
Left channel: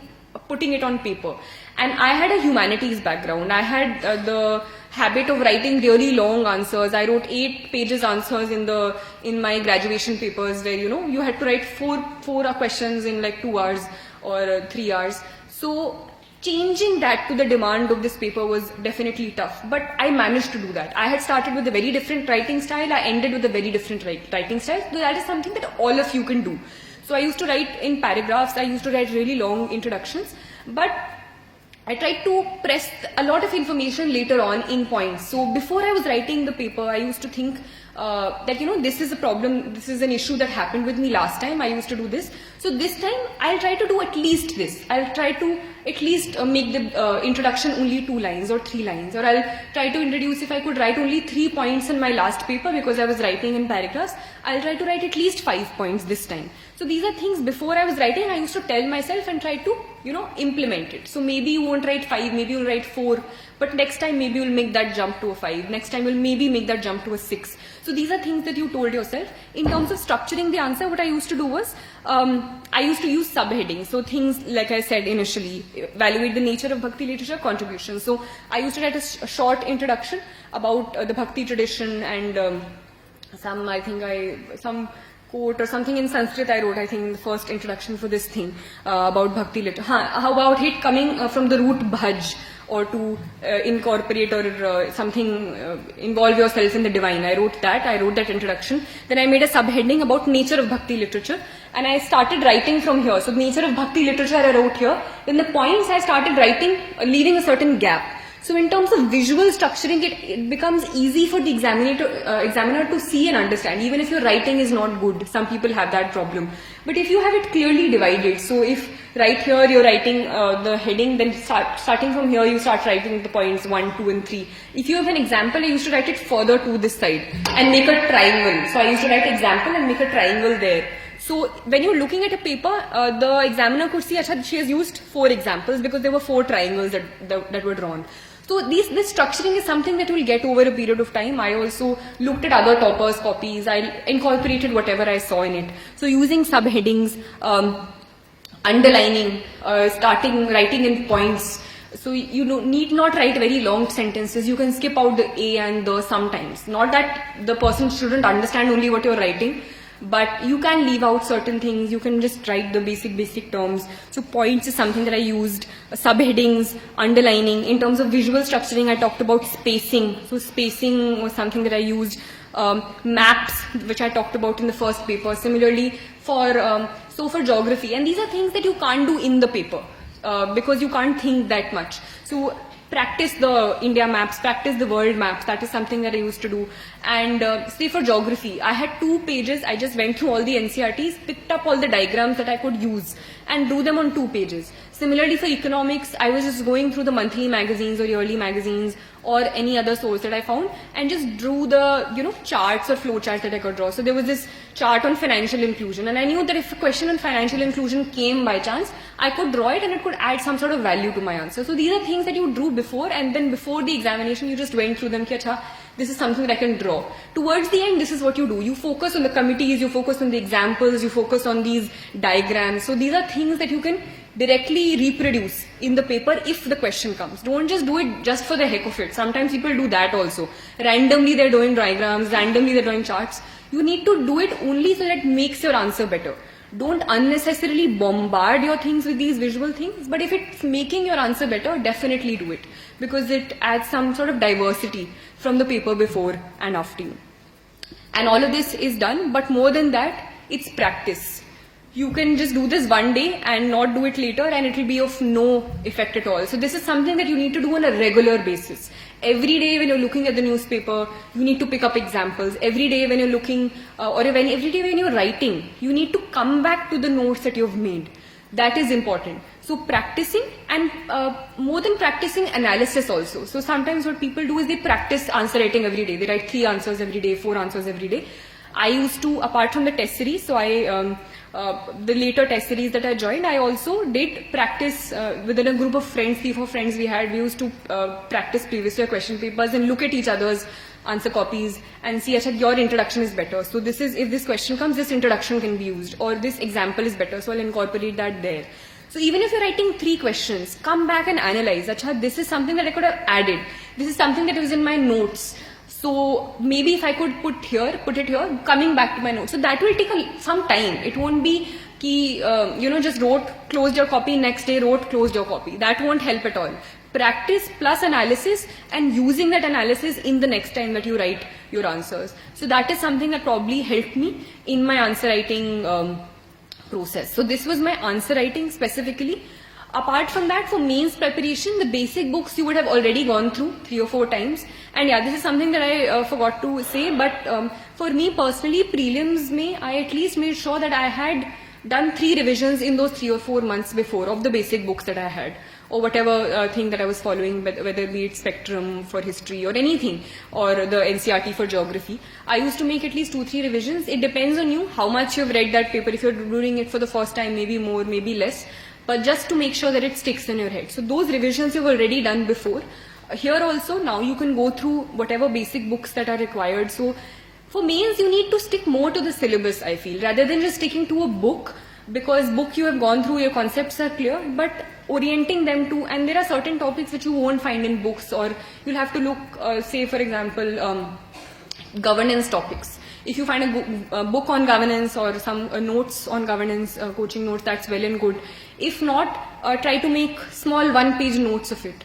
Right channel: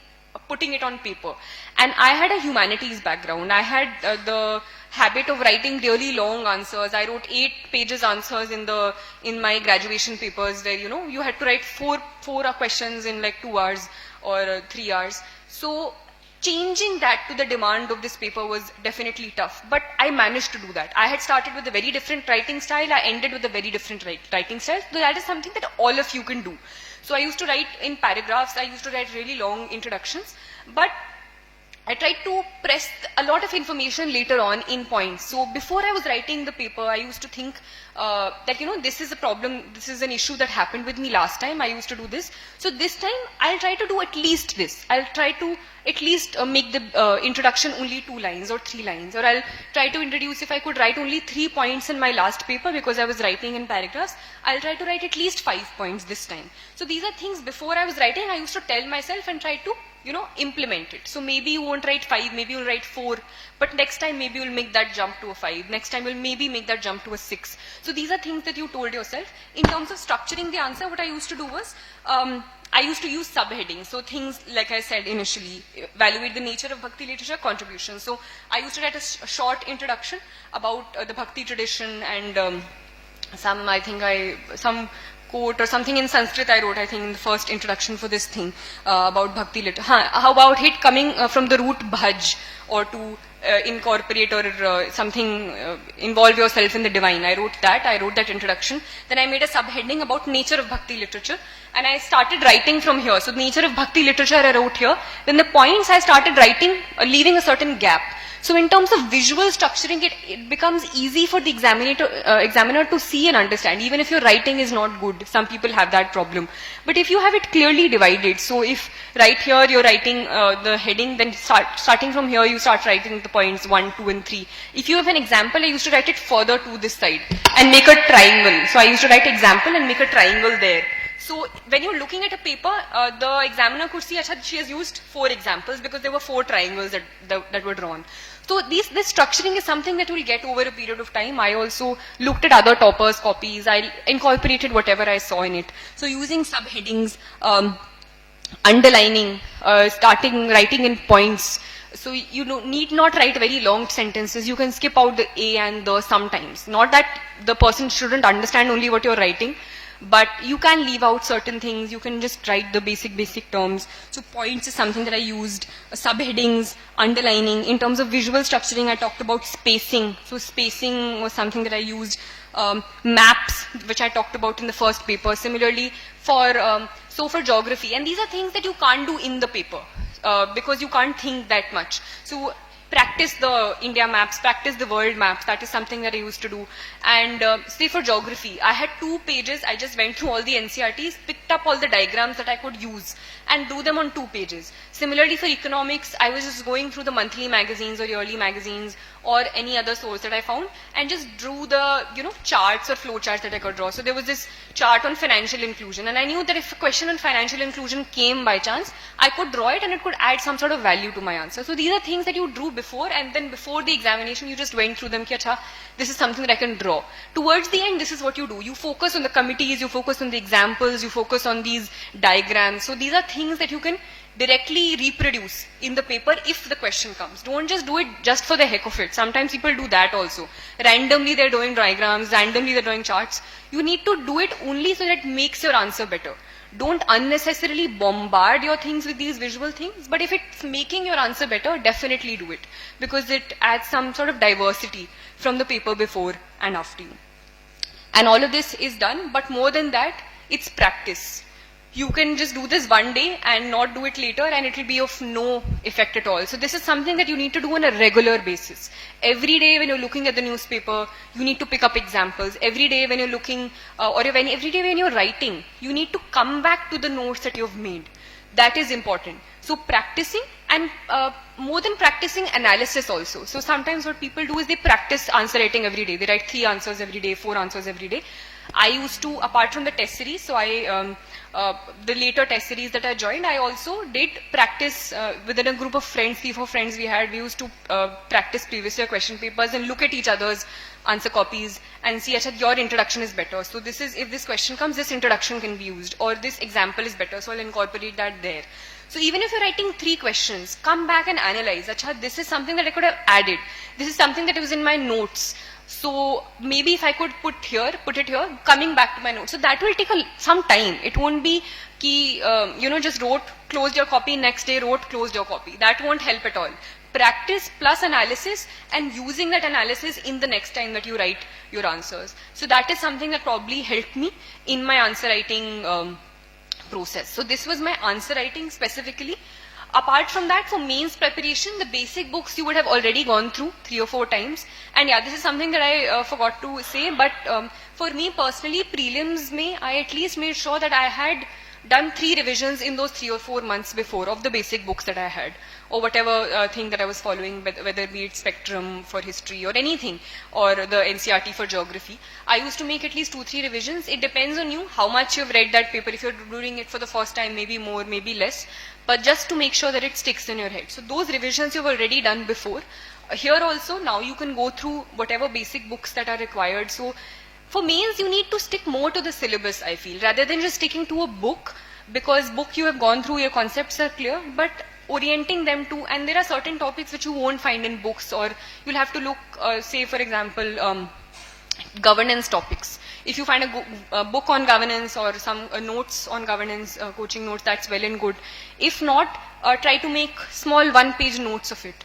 putting it on paper. And I had a humanities background. I had the habit of writing really long answers. I wrote 8 pages answers in my graduation papers where, you had to write four questions in like 2 hours or 3 hours. So changing that to the demand of this paper was definitely tough, but I managed to do that. I had started with a very different writing style, I ended with a very different writing style, so that is something that all of you can do. So I used to write in paragraphs, I used to write really long introductions, but I tried to press a lot of information later on in points. So before I was writing the paper, I used to think that, this is a problem, this is an issue that happened with me last time, I used to do this. So this time, I'll try to do at least this. I'll try to at least make the introduction only 2 lines or 3 lines. Or I'll try to introduce, if I could write only 3 points in my last paper because I was writing in paragraphs, I'll try to write at least 5 points this time. So these are things before I was writing, I used to tell myself and try to, implement it. So maybe you won't write 5, maybe you'll write 4, but next time maybe you'll make that jump to a 5. Next time you'll maybe make that jump to a 6. So these are things that you told yourself. In terms of structuring the answer, what I used to do was, I used to use subheadings. So things, like I said initially, evaluate the nature of Bhakti literature, contribution. So I used to write a short introduction about the Bhakti tradition and some quote or something in Sanskrit I wrote, I think, in the first introduction for this thing about Bhakti literature. How about it coming from the root bhaj, or to incorporate or something, involve yourself in the divine. I wrote that introduction. Then I made a subheading about nature of Bhakti literature. And I started writing from here. So the nature of Bhakti literature I wrote here. Then the points I started writing, leaving a certain gap. So in terms of visual structuring, it becomes easy for the examiner to see and understand, even if your writing is not good. Some people have that problem. But if you have it clearly divided, so if right here you're writing the heading, then starting from here you start writing the points 1, 2 and 3. If you have an example, I used to write it further to this side and make a triangle. So I used to write example and make a triangle there. So when you're looking at a paper, the examiner could see, Acha, she has used 4 examples because there were 4 triangles that were drawn. So this structuring is something that you'll get over a period of time. I also looked at other toppers' copies. I incorporated whatever I saw in it. So using subheadings, underlining, starting writing in points. So you need not write very long sentences. You can skip out the a and the sometimes. Not that the person shouldn't understand only what you're writing, but you can leave out certain things. You can just write the basic terms. So points is something that I used. Subheadings, underlining. In terms of visual structuring, I talked about spacing. So spacing was something that I used. Maps, which I talked about in the first paper. Similarly, for geography. And these are things that you can't do in the paper because you can't think that much. So practice the India maps, practice the world maps. That is something that I used to do. And say for geography, I had 2 pages. I just went through all the NCRTs, picked up all the diagrams that I could use and drew them on 2 pages. Similarly for economics, I was just going through the monthly magazines or yearly magazines or any other source that I found and just drew the, charts or flow charts that I could draw. So there was this chart on financial inclusion, and I knew that if a question on financial inclusion came by chance, I could draw it and it could add some sort of value to my answer. So these are things that you drew before, and then before the examination you just went through them. Ki, Achha, this is something that I can draw. Towards the end, this is what you do. You focus on the committees, you focus on the examples, you focus on these diagrams. So these are things that you can directly reproduce in the paper if the question comes. Don't just do it just for the heck of it. Sometimes people do that also. Randomly they're doing diagrams, randomly they're drawing charts. You need to do it only so that it makes your answer better. Don't unnecessarily bombard your things with these visual things, but if it's making your answer better, definitely do it, because it adds some sort of diversity from the paper before and after you. And all of this is done, but more than that, it's practice. You can just do this one day and not do it later, and it will be of no effect at all. So this is something that you need to do on a regular basis. Every day when you're looking at the newspaper, you need to pick up examples. Every day when you're looking, every day when you're writing, you need to come back to the notes that you've made. That is important. So practicing, and more than practicing, analysis also. So sometimes what people do is they practice answer writing every day. They write 3 answers every day, 4 answers every day. I used to, apart from the test series, so the later test series that I joined, I also did practice within a group of friends, 3-4 friends we had. We used to practice previous year question papers and look at each other's answer copies and see, Achha, your introduction is better. So this is, if this question comes, this introduction can be used, or this example is better, so I'll incorporate that there. So even if you're writing 3 questions, come back and analyze, Achha, this is something that I could have added. This is something that was in my notes. So maybe if I could put it here, coming back to my notes. So that will take some time. It won't be ki, just wrote, closed your copy, next day wrote, closed your copy. That won't help at all. Practice plus analysis, and using that analysis in the next time that you write your answers. So that is something that probably helped me in my answer writing process. So this was my answer writing specifically. Apart from that, for mains preparation, the basic books you would have already gone through 3 or 4 times. And yeah, this is something that I forgot to say, but for me personally, prelims I at least made sure that I had done 3 revisions in those 3 or 4 months before of the basic books that I had, or whatever thing that I was following, whether be it Spectrum for history or anything, or the NCRT for geography. I used to make at least 2-3 revisions. It depends on you, how much you've read that paper. If you're doing it for the first time, maybe more, maybe less, but just to make sure that it sticks in your head. So those revisions you've already done before. Here also, now you can go through whatever basic books that are required. So for mains, you need to stick more to the syllabus, I feel, rather than just sticking to a book, because book you have gone through, your concepts are clear, but orienting them to, and there are certain topics which you won't find in books, or you'll have to look, say for example, governance topics. If you find a book on governance or some notes on governance, coaching notes, that's well and good. If not, try to make small 1-page notes of it.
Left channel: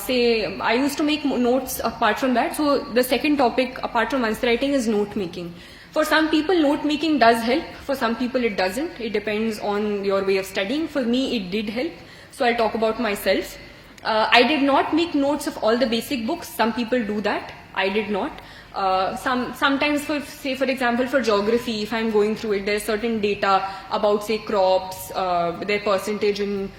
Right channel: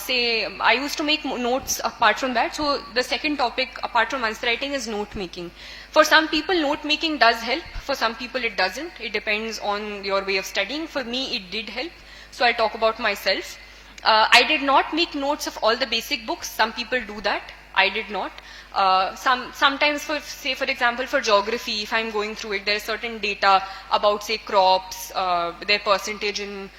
Say, I used to make notes apart from that. So the second topic apart from answer writing is note making. For some people, note making does help. For some people, it doesn't. It depends on your way of studying. For me, it did help. So I'll talk about myself. I did not make notes of all the basic books. Some people do that. I did not. Sometimes, for example, for geography, if I'm going through it, there's certain data about, say, crops, their percentage in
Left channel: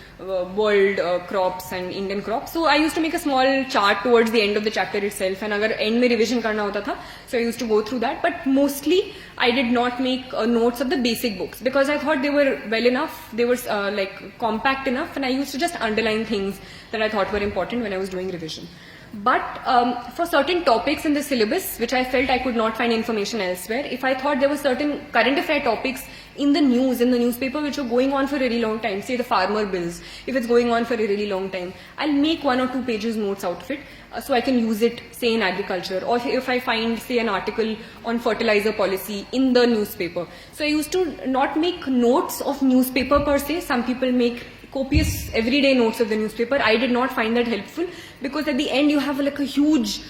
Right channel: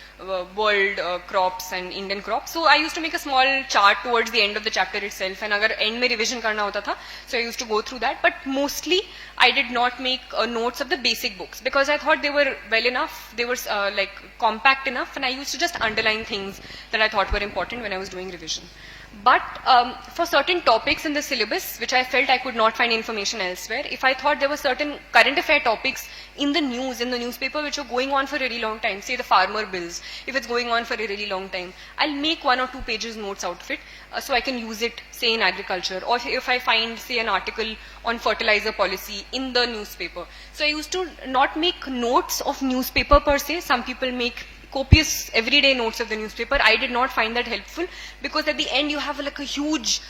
world crops and Indian crops. So I used to make a small chart towards the end of the chapter itself, and agar end mein revision karna hota tha, so I used to go through that. But mostly, I did not make notes of the basic books, because I thought they were well enough, they were like compact enough, and I used to just underline things that I thought were important when I was doing revision. But for certain topics in the syllabus, which I felt I could not find information elsewhere, if I thought there were certain current affair topics in the news, in the newspaper, which are going on for a really long time, say the farmer bills, if it's going on for a really long time, I'll make 1 or 2 pages notes out of it, so I can use it, say, in agriculture, or if I find, say, an article on fertilizer policy in the newspaper. So I used to not make notes of newspaper per se. Some people make copious everyday notes of the newspaper. I did not find that helpful, because at the end you have like a huge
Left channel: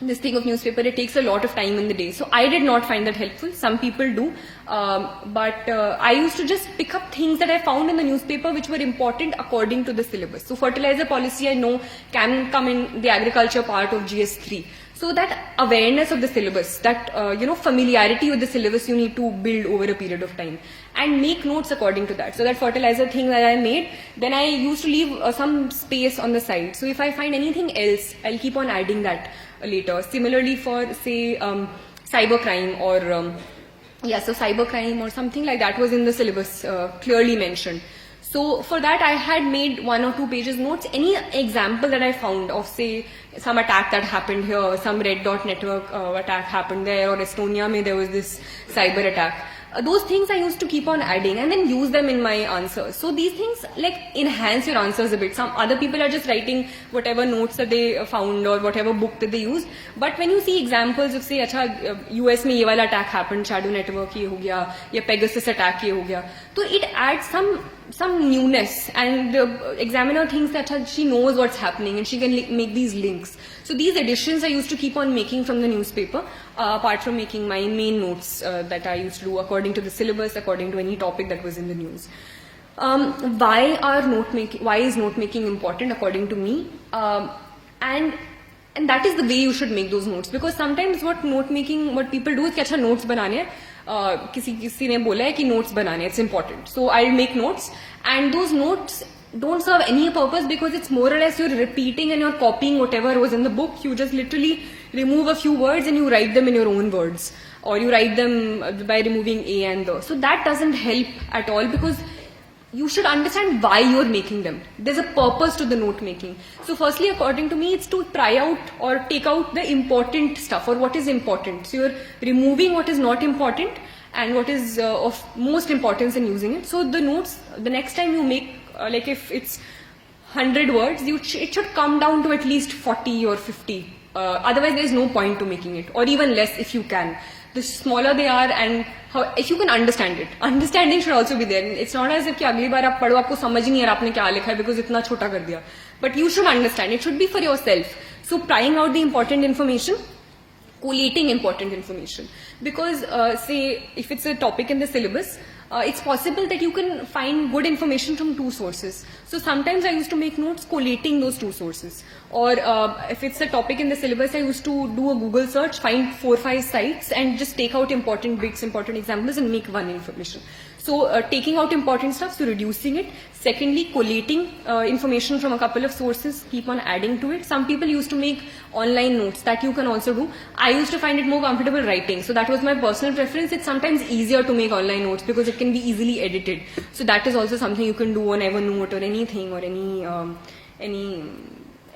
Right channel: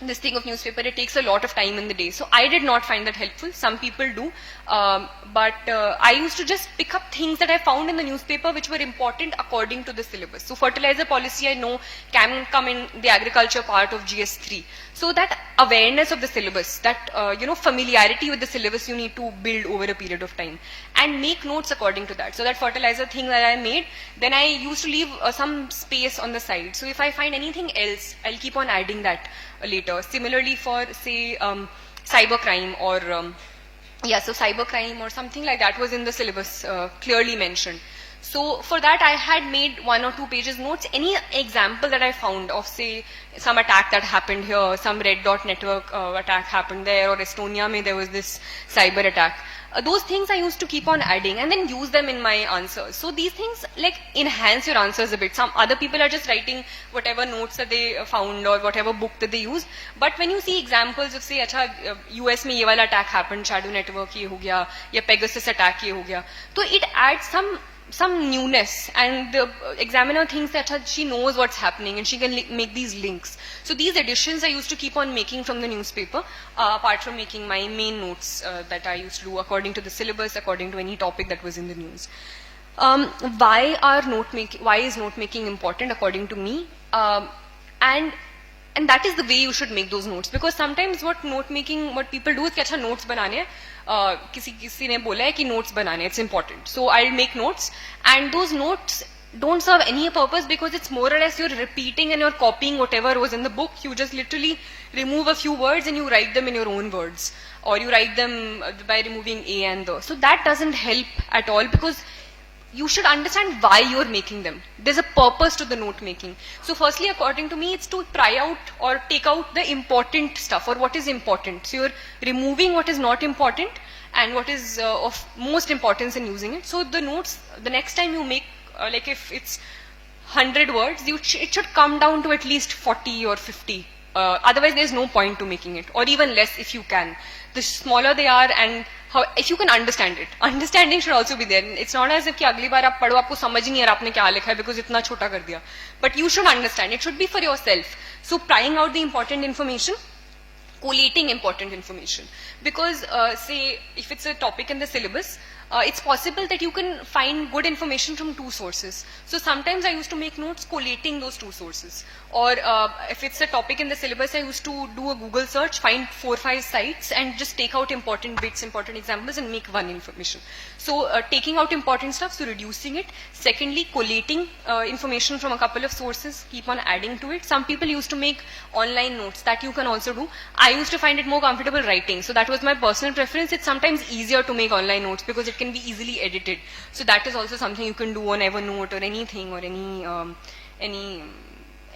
this thing of newspaper, it takes a lot of time in the day. So I did not find that helpful. Some people do. But I used to just pick up things that I found in the newspaper which were important according to the syllabus. So fertilizer policy, I know, can come in the agriculture part of GS3. So that awareness of the syllabus, that familiarity with the syllabus you need to build over a period of time and make notes according to that. So that fertilizer thing that I made, then I used to leave some space on the side. So if I find anything else, I'll keep on adding that later. Similarly for, say, cybercrime or so cybercrime or something like that was in the syllabus clearly mentioned. So for that I had made 1 or 2 pages notes. Any example that I found of, say, some attack that happened here, some red dot network attack happened there, or Estonia mein there was this cyber attack. Those things I used to keep on adding and then use them in my answers. So these things like enhance your answers a bit. Some other people are just writing whatever notes that they found or whatever book that they use. But when you see examples of, say, US mein ye wala attack happened, shadow network ye ho gaya, ya Pegasus attack ye ho gaya, so it adds some newness, and the examiner thinks that she knows what's happening and she can make these links. So these additions I used to keep on making from the newspaper, apart from making my main notes that I used to do according to the syllabus, according to any topic that was in the news. Why is note making important according to me? And that is the way you should make those notes, because sometimes what people do is कि notes बनाने हैं, किसी ने बोला है कि notes बनाने, it's important. So I'll make notes, and those notes don't serve any purpose because it's more or less you're repeating and you're copying whatever was in the book. You just literally remove a few words and you write them in your own words, or you write them by removing a and the. So that doesn't help at all, because you should understand why you're making them. There's a purpose to the note making. So firstly, according to me, it's to try out or take out the important stuff, or what is important. So you're removing what is not important and what is of most importance in using it. So the notes, the next time you make, like if it's 100 words, it should come down to at least 40 or 50. Otherwise, there's no point to making it, or even less if you can. The smaller they are, and if you can understand it. Understanding should also be there. It's not as if कि अगली बार आप पढ़ो आपको समझ नहीं आ रहा आपने क्या लिखा है because इतना छोटा कर दिया. But you should understand. It should be for yourself. So prying out the important information, collating important information. Because say if it's a topic in the syllabus, it's possible that you can find good information from 2 sources. So sometimes I used to make notes collating those 2 sources. Or if it's a topic in the syllabus, I used to do a Google search, find 4 or 5 sites and just take out important bits, important examples and make one information. So taking out important stuff, so reducing it. Secondly, collating information from a couple of sources, keep on adding to it. Some people used to make online notes, that you can also do. I used to find it more comfortable writing. So that was my personal preference. It's sometimes easier to make online notes because it can be easily edited. So that is also something you can do on Evernote or anything, or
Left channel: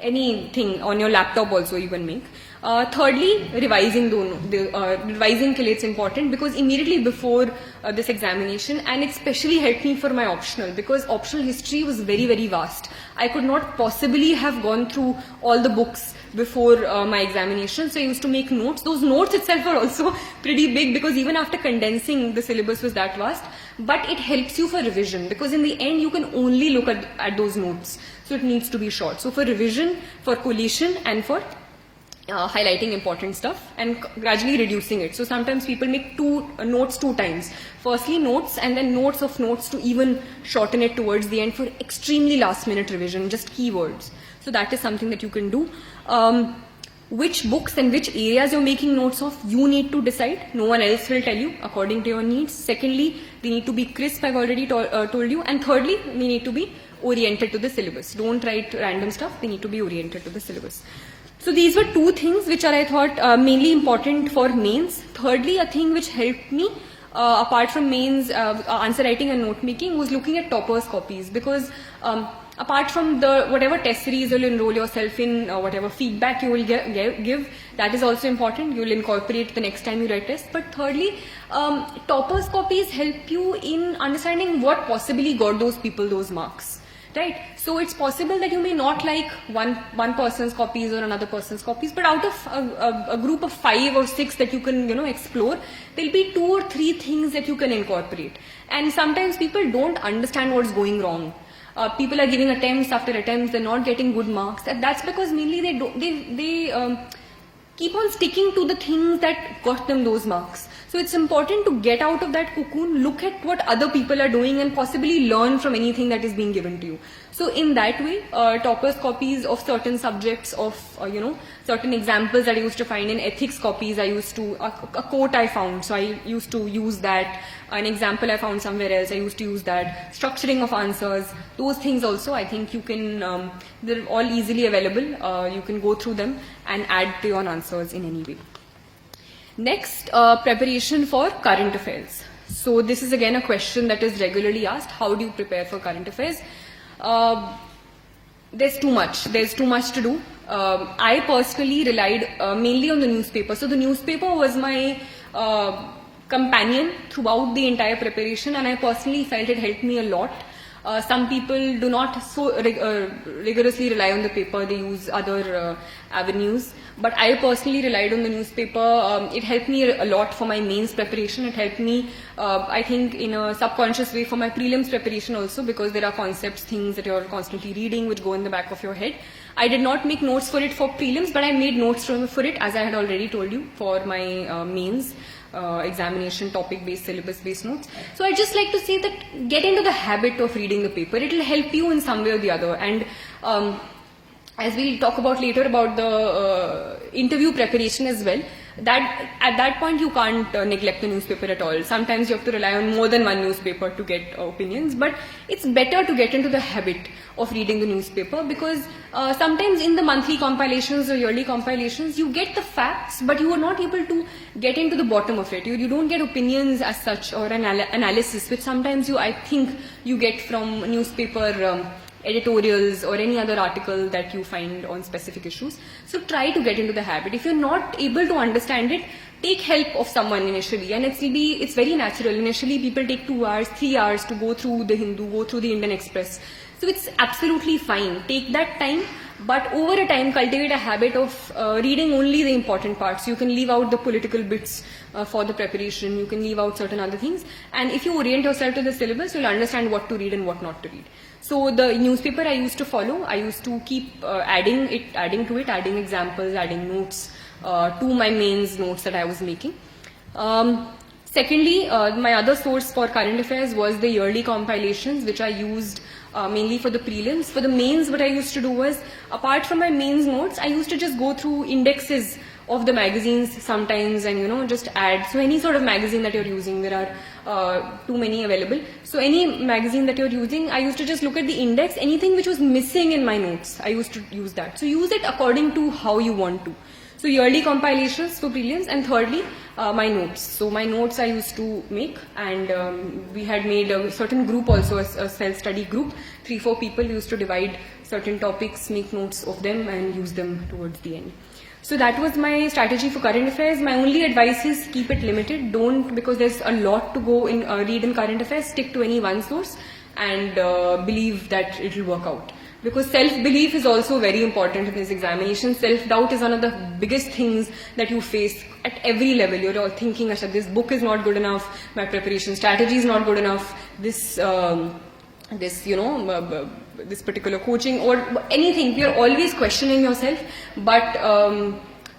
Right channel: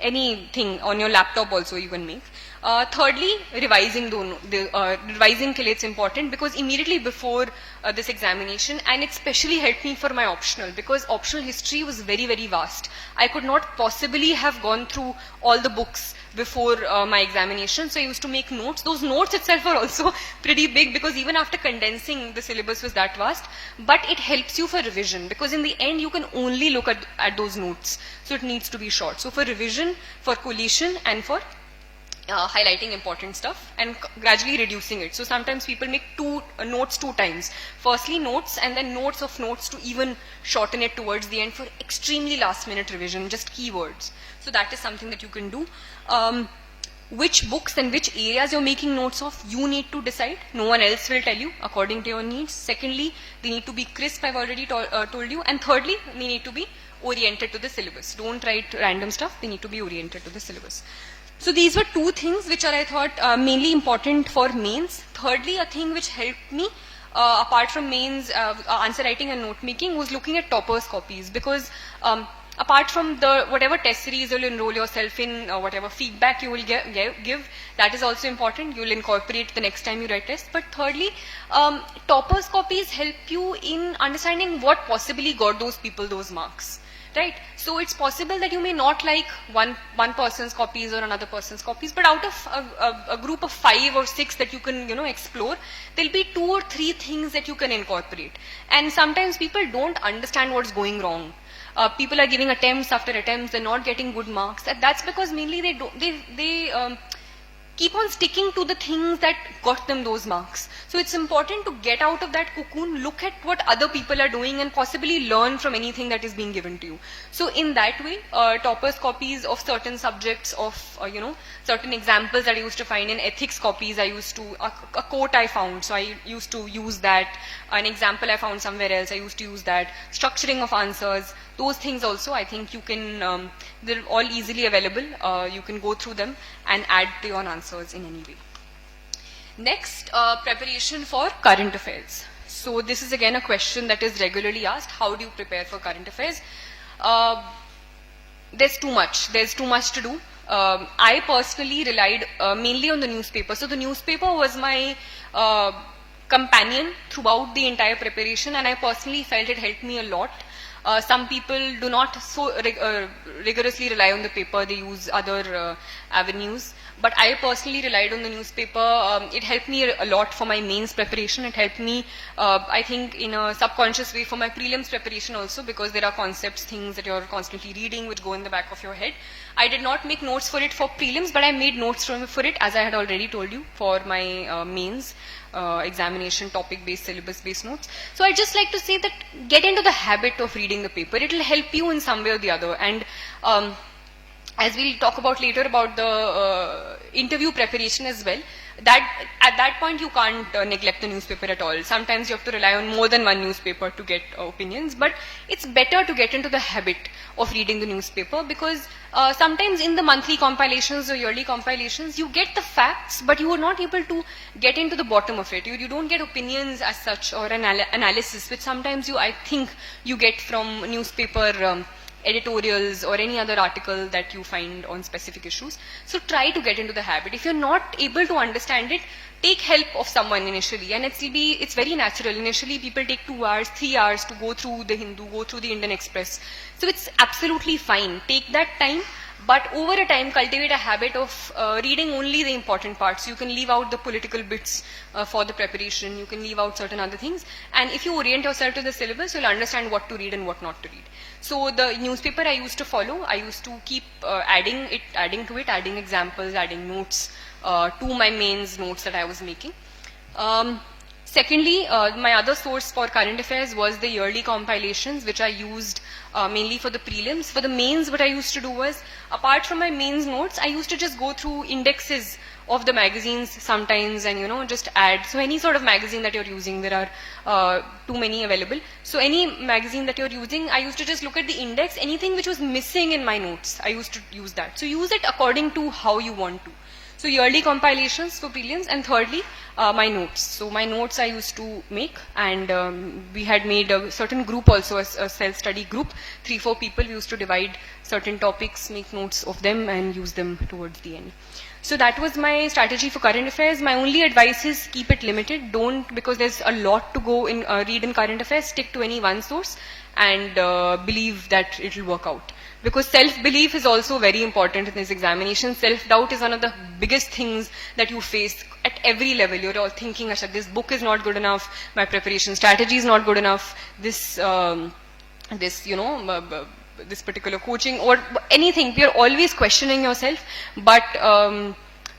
anything on your laptop also you can make. Thirdly, revising revising ke liye it's important, because immediately before this examination, and it especially helped me for my optional, because optional history was very, very vast. I could not possibly have gone through all the books before my examination, so I used to make notes. Those notes itself are also pretty big, because even after condensing, the syllabus was that vast, but it helps you for revision, because in the end you can only look at those notes, so it needs to be short. So for revision, for collation, and for highlighting important stuff and gradually reducing it. So sometimes people make notes 2 times. Firstly notes, and then notes of notes to even shorten it towards the end for extremely last minute revision, just keywords. So that is something that you can do. Which books and which areas you're making notes of, you need to decide. No one else will tell you according to your needs. Secondly, they need to be crisp, I've already told you. And thirdly, they need to be oriented to the syllabus. Don't write random stuff, they need to be oriented to the syllabus. So these were 2 things which are, I thought, mainly important for mains. Thirdly, a thing which helped me, apart from mains, answer writing and note making, was looking at toppers copies. Because apart from the whatever test series you'll enroll yourself in, whatever feedback you will give, that is also important. You'll incorporate the next time you write tests. But thirdly, toppers copies help you in understanding what possibly got those people those marks. Right? So it's possible that you may not like one person's copies or another person's copies, but out of a group of 5 or 6 that you can explore, there'll be 2 or 3 things that you can incorporate. And sometimes people don't understand what's going wrong. People are giving attempts after attempts, they're not getting good marks. And that's because mainly keep on sticking to the things that got them those marks. So it's important to get out of that cocoon, look at what other people are doing, and possibly learn from anything that is being given to you. So in that way, toppers copies of certain subjects, of certain examples that I used to find in ethics copies, I used to, a quote I found, so I used to use that. An example I found somewhere else, I used to use that. Structuring of answers, those things also, I think you can, they're all easily available. You can go through them and add to your answers in any way. Next, preparation for current affairs. So this is again a question that is regularly asked. How do you prepare for current affairs? There's too much to do. I personally relied mainly on the newspaper. So the newspaper was my companion throughout the entire preparation, and I personally felt it helped me a lot. Some people do not so rigorously rely on the paper, they use other avenues. But I personally relied on the newspaper. It helped me a lot for my mains preparation. It helped me, I think, in a subconscious way for my prelims preparation also, because there are concepts, things that you're constantly reading which go in the back of your head. I did not make notes for it for prelims, but I made notes for it, as I had already told you, for my mains. Examination, topic-based, syllabus-based notes. So I just like to say that get into the habit of reading the paper. It will help you in some way or the other. And as we'll talk about later about the interview preparation as well, that at that point you can't neglect the newspaper at all. Sometimes you have to rely on more than one newspaper to get opinions, but it's better to get into the habit of reading the newspaper, because sometimes in the monthly compilations or yearly compilations you get the facts, but you are not able to get into the bottom of it. You don't get opinions as such, or an analysis, which sometimes I think you get from newspaper editorials or any other article that you find on specific issues. So try to get into the habit. If you're not able to understand it, take help of someone initially, and it's very natural. Initially people take 2 hours, 3 hours to go through the Hindu, go through the Indian Express. So it's absolutely fine. Take that time, but over a time cultivate a habit of reading only the important parts. You can leave out the political bits for the preparation, you can leave out certain other things, and if you orient yourself to the syllabus, you'll understand what to read and what not to read. So the newspaper I used to follow, I used to keep adding to it, adding examples, adding notes to my mains notes that I was making. Secondly, my other source for current affairs was the yearly compilations, which I used mainly for the prelims. For the mains, what I used to do was, apart from my mains notes, I used to just go through indexes of the magazines sometimes and just add. So any sort of magazine that you're using, there are too many available. So any magazine that you're using, I used to just look at the index. Anything which was missing in my notes, I used to use that. So use it according to how you want to. So yearly compilations for prelims, and thirdly, my notes. So my notes I used to make, and we had made a certain group also, a self-study group, 3-4 people. We used to divide certain topics, make notes of them, and use them towards the end. So that was my strategy for current affairs. My only advice is keep it limited. Don't, because there's a lot to go in read in current affairs, stick to any one source and believe that it will work out. Because self-belief is also very important in this examination. Self-doubt is one of the biggest things that you face at every level. You're all thinking, Asha, this book is not good enough, my preparation strategy is not good enough, this particular coaching or anything. You're always questioning yourself, but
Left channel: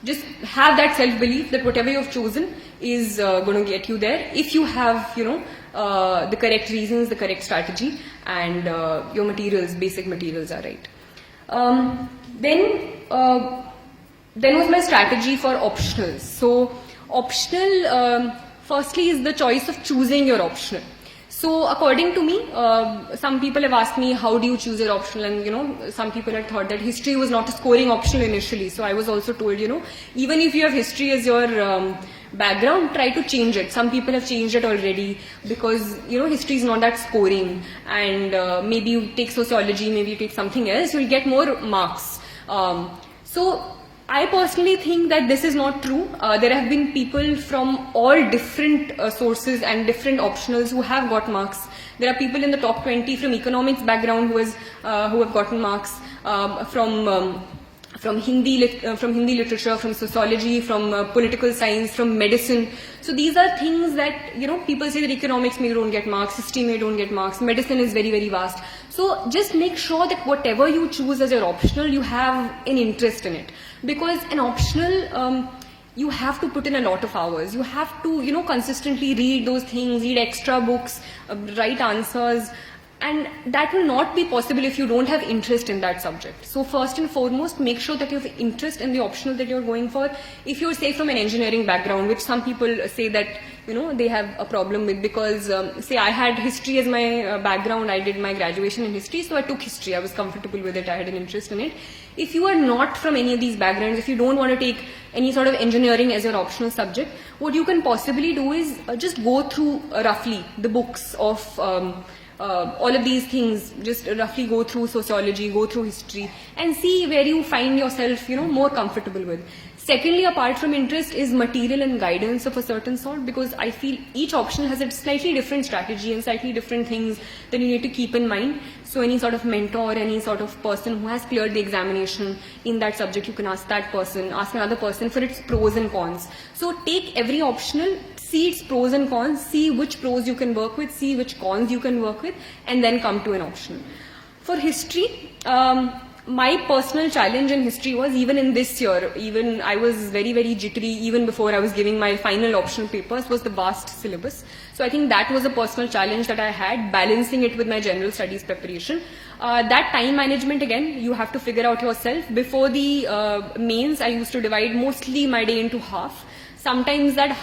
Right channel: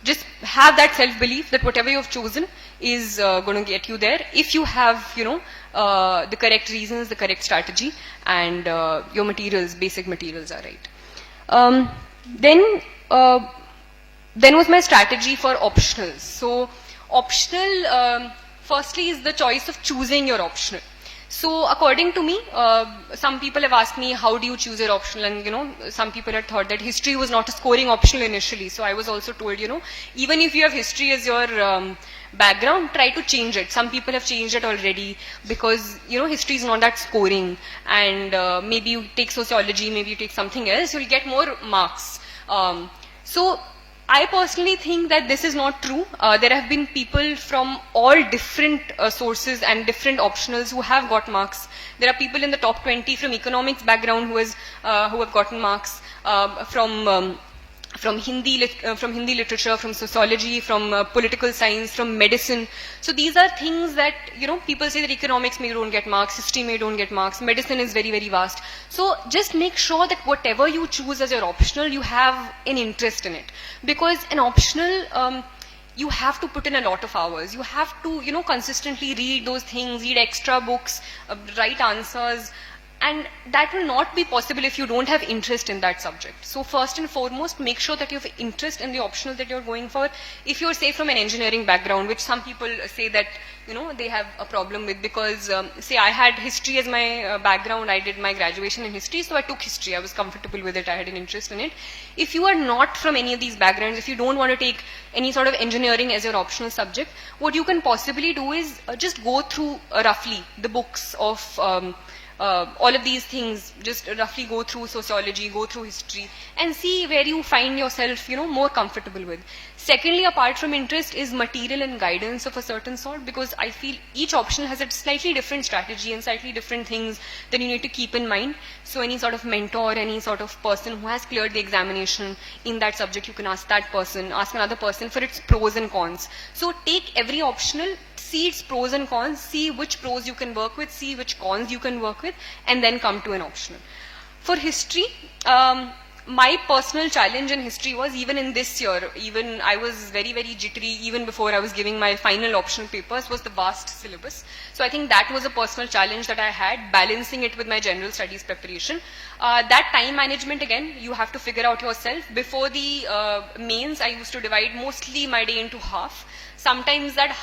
just have that self-belief that whatever you've chosen is going to get you there if you have, the correct reasons, the correct strategy, and your materials, basic materials are right. Then was my strategy for optionals. So optional, firstly, is the choice of choosing your optional. So according to me, some people have asked me, how do you choose your optional? And some people had thought that history was not a scoring optional initially. So I was also told, even if you have history as your background, try to change it. Some people have changed it already because, history is not that scoring. And maybe you take sociology, maybe you take something else, you'll get more marks. So I personally think that this is not true. There have been people from all different sources and different optionals who have got marks. There are people in the top 20 from economics background who have gotten marks, from from Hindi literature, from sociology, from political science, from medicine. So these are things that, people say that economics may don't get marks, history may don't get marks, medicine is very, very vast. So just make sure that whatever you choose as your optional, you have an interest in it. Because an optional, you have to put in a lot of hours. You have to, consistently read those things, read extra books, write answers. And that will not be possible if you don't have interest in that subject. So first and foremost, make sure that you have interest in the optional that you're going for. If you're, say, from an engineering background, which some people say that, they have a problem with, because, say, I had history as my background. I did my graduation in history, so I took history. I was comfortable with it. I had an interest in it. If you are not from any of these backgrounds, if you don't want to take any sort of engineering as your optional subject, what you can possibly do is just go through roughly the books of all of these things, just roughly go through sociology, go through history, and see where you find yourself, more comfortable with. Secondly, apart from interest, is material and guidance of a certain sort, because I feel each option has a slightly different strategy and slightly different things that you need to keep in mind. So any sort of mentor, any sort of person who has cleared the examination in that subject, you can ask that person, ask another person for its pros and cons. So take every optional, see its pros and cons, see which pros you can work with, see which cons you can work with, and then come to an option. For history, my personal challenge in history was, even in this year, even I was very, very jittery even before I was giving my final optional papers, was the vast syllabus. So I think that was a personal challenge that I had, balancing it with my general studies preparation. That time management, again, you have to figure out yourself. Before the mains, I used to divide mostly my day into half. Sometimes that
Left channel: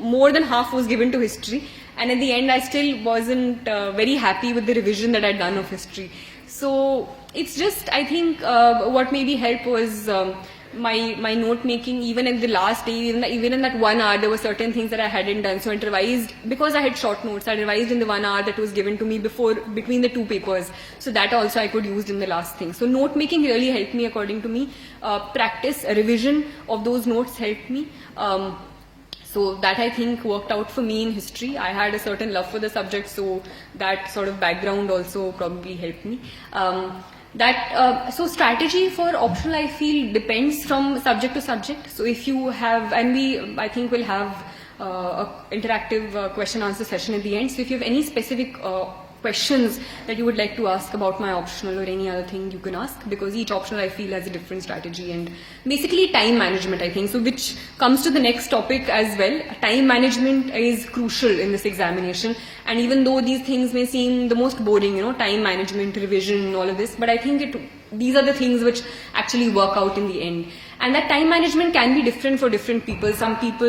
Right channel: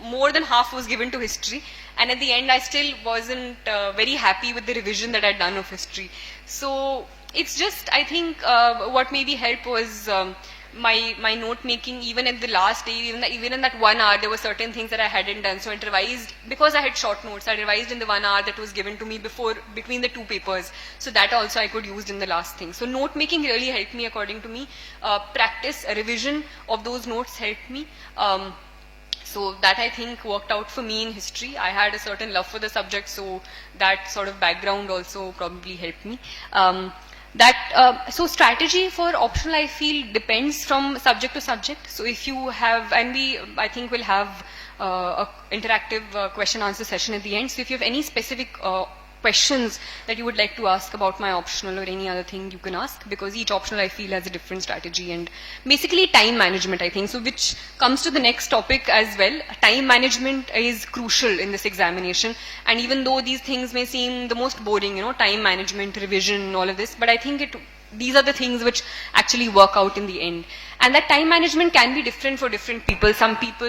more than half was given to history, and at the end I still wasn't very happy with the revision that I'd done of history. So it's just, I think what maybe helped was my note making. Even in the last day, even in that 1 hour, there were certain things that I hadn't done. So I revised, because I had short notes, I revised in the 1 hour that was given to me between the two papers. So that also I could use in the last thing. So note making really helped me, according to me. Practice, revision of those notes helped me. So that, I think, worked out for me in history. I had a certain love for the subject, so that sort of background also probably helped me. So strategy for optional, I feel, depends from subject to subject. So if you have, and I think we'll have a interactive question answer session at the end. So if you have any specific questions that you would like to ask about my optional or any other thing, you can ask, because each optional, I feel, has a different strategy. And basically time management, I think, so which comes to the next topic as well. Time management is crucial in this examination, and even though these things may seem the most boring, time management, revision, all of this, but I think these are the things which actually work out in the end. And that time management can be different for different people. Some people,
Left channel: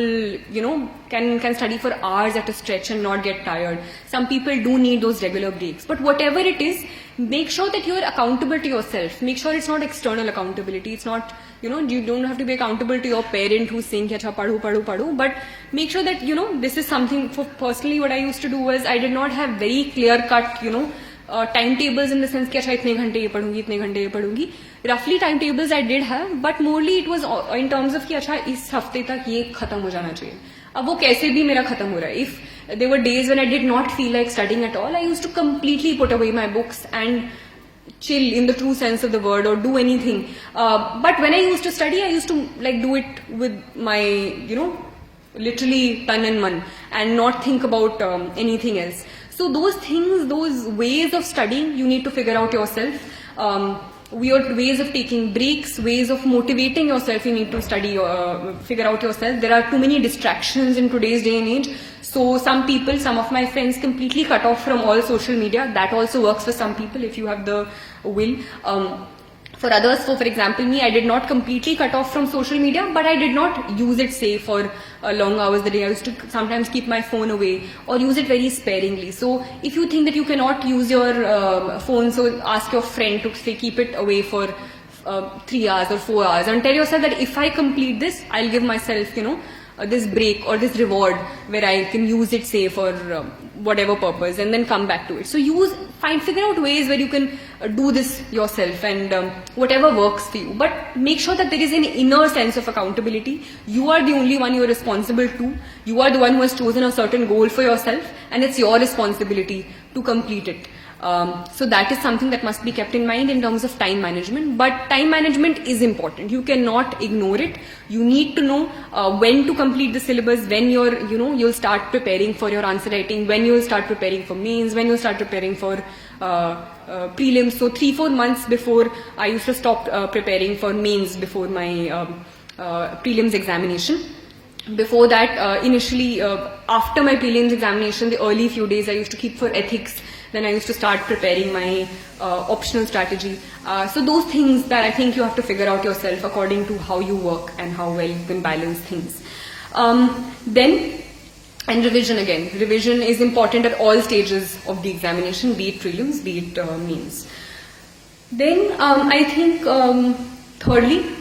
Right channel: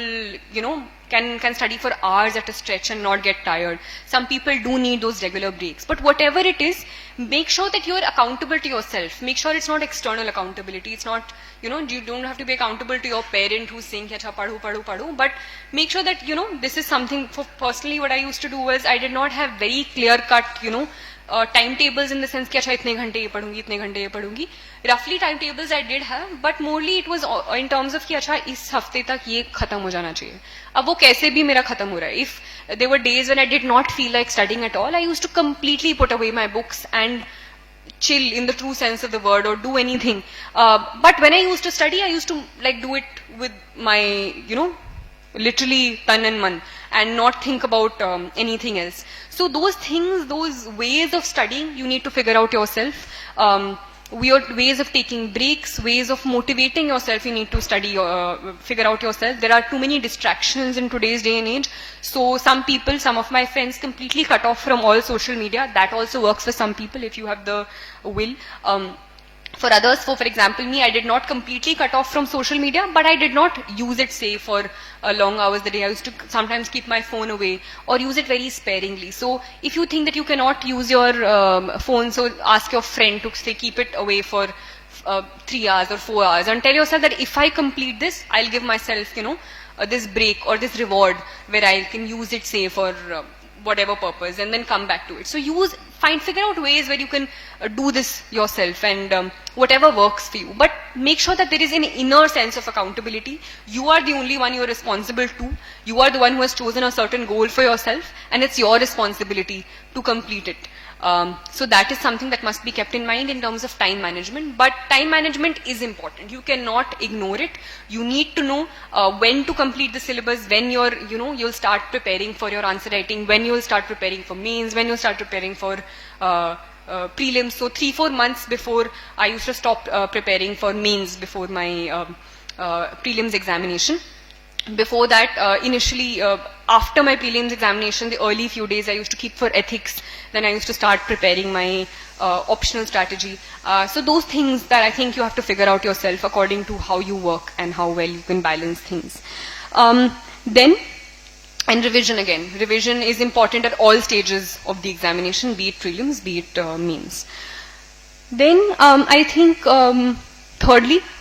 can study for hours at a stretch and not get tired. Some people do need those regular breaks. But whatever it is, make sure that you are accountable to yourself. Make sure it's not external accountability. It's not, you don't have to be accountable to your parent who's saying, "Acha, padhu," but make sure that, this is something. For personally, what I used to do was, I did not have very clear-cut, timetables in the sense कि अच्छा इतने घंटे ये पढ़ूंगी, इतने घंटे ये पढ़ूंगी. Roughly timetables I did have, but morely it was in terms of कि अच्छा इस हफ्ते तक ये खत्म हो जाना चाहिए. अब वो कैसे भी मेरा खत्म हो रहा है. If there were days when I did not feel like studying at all, I used to completely put away my books and chill in the true sense of the word, or do anything. But when I used to study, I used to do it with my, literally tan and man, and not think about anything else. So those things, those ways of studying, you need to figure out yourself. Weird ways of taking breaks, ways of motivating yourself, you need to study, figure out yourself. There are too many distractions in today's day and age. So some people, some of my friends, completely cut off from all social media. That also works for some people if you have the will. For others, for example me, I did not completely cut off from social media, but I did not use it, say, for long hours a day. I used to sometimes keep my phone away or use it very sparingly. So if you think that you cannot use your phone, so ask your friend to, say, keep it away for 3 hours or 4 hours, and tell yourself that if I complete this, I'll give myself, this break or this reward where I can use it, say, for whatever purpose, and then come back to it. So figure out ways where you can do this yourself, and whatever works for you. But make sure that there is an inner sense of accountability. You are the only one you are responsible to. You are the one who has chosen a certain goal for yourself, and it's your responsibility to complete it. So that is something that must be kept in mind in terms of time management. But time management is important. You cannot ignore it. You need to know when to complete the syllabus, when you'll start preparing for your answer writing, when you'll start preparing for mains, when you'll start preparing for prelims. So 3-4 months before, I used to stop preparing for mains before my prelims examination. Before that, initially, after my prelims examination, the early few days I used to keep for ethics. Then I used to start preparing my optional strategy. So those things that I think you have to figure out yourself according to how you work and how well you can balance things. And revision again. Revision is important at all stages of the examination, be it prelims, be it mains. Then I think thirdly,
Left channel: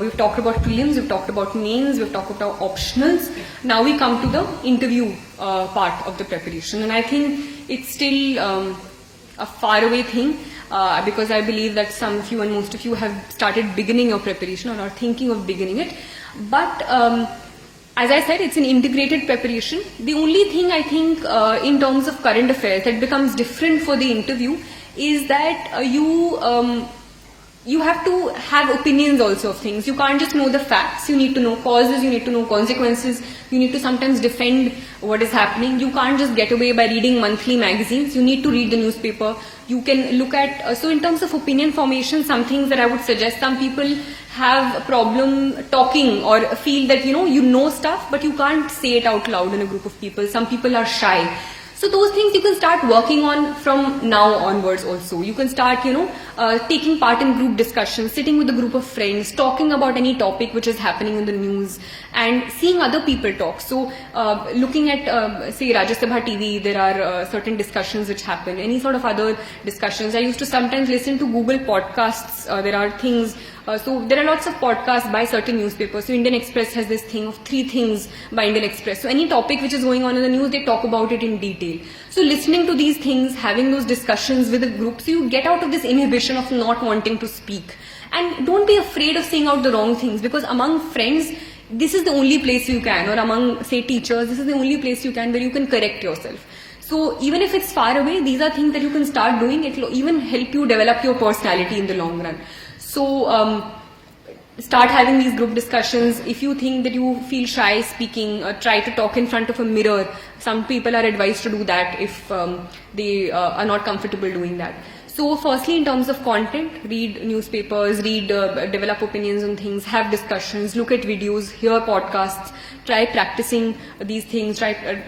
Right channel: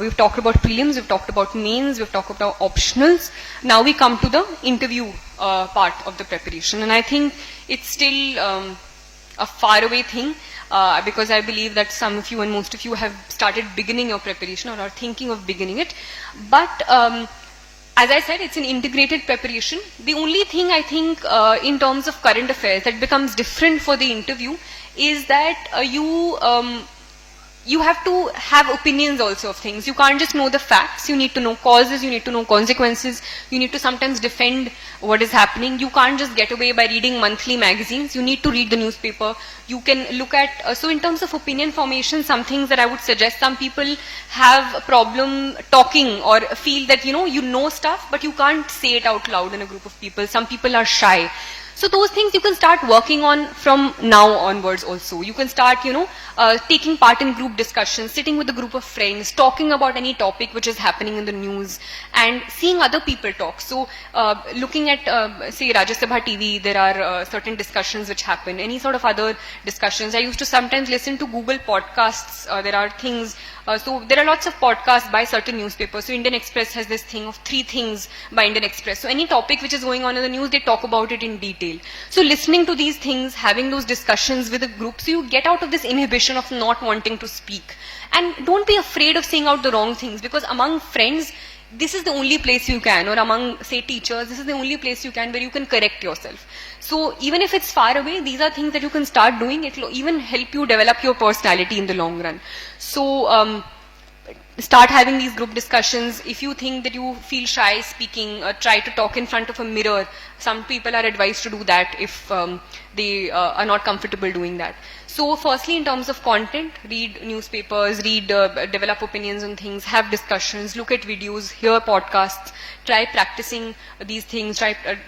we've talked about prelims, we've talked about mains, we've talked about optionals. Now we come to the interview part of the preparation. And I think it's still a faraway thing because I believe that some of you and most of you have started beginning your preparation or are thinking of beginning it. But as I said, it's an integrated preparation. The only thing I think in terms of current affairs that becomes different for the interview is that you have to have opinions also of things. You can't just know the facts. You need to know causes, you need to know consequences. You need to sometimes defend what is happening. You can't just get away by reading monthly magazines. You need to read the newspaper. You can look at, so in terms of opinion formation, some things that I would suggest, some people have a problem talking or feel that, you know stuff, but you can't say it out loud in a group of people. Some people are shy. So those things you can start working on from now onwards also. You can start, taking part in group discussions, sitting with a group of friends, talking about any topic which is happening in the news and seeing other people talk. So looking at, say, Rajya Sabha TV, there are certain discussions which happen, any sort of other discussions. I used to sometimes listen to Google podcasts. There are things, so there are lots of podcasts by certain newspapers. So Indian Express has this thing of 3 things by Indian Express. So any topic which is going on in the news, they talk about it in detail. So listening to these things, having those discussions with a group, so you get out of this inhibition of not wanting to speak. And don't be afraid of saying out the wrong things, because among friends, this is the only place you can, or among, say, teachers, this is the only place you can where you can correct yourself. So even if it's far away, these are things that you can start doing. It will even help you develop your personality in the long run. So start having these group discussions. If you think that you feel shy speaking, try to talk in front of a mirror. Some people are advised to do that if they are not comfortable doing that. So firstly, in terms of content, read newspapers, develop opinions on things, have discussions, look at videos, hear podcasts, try practicing these things, try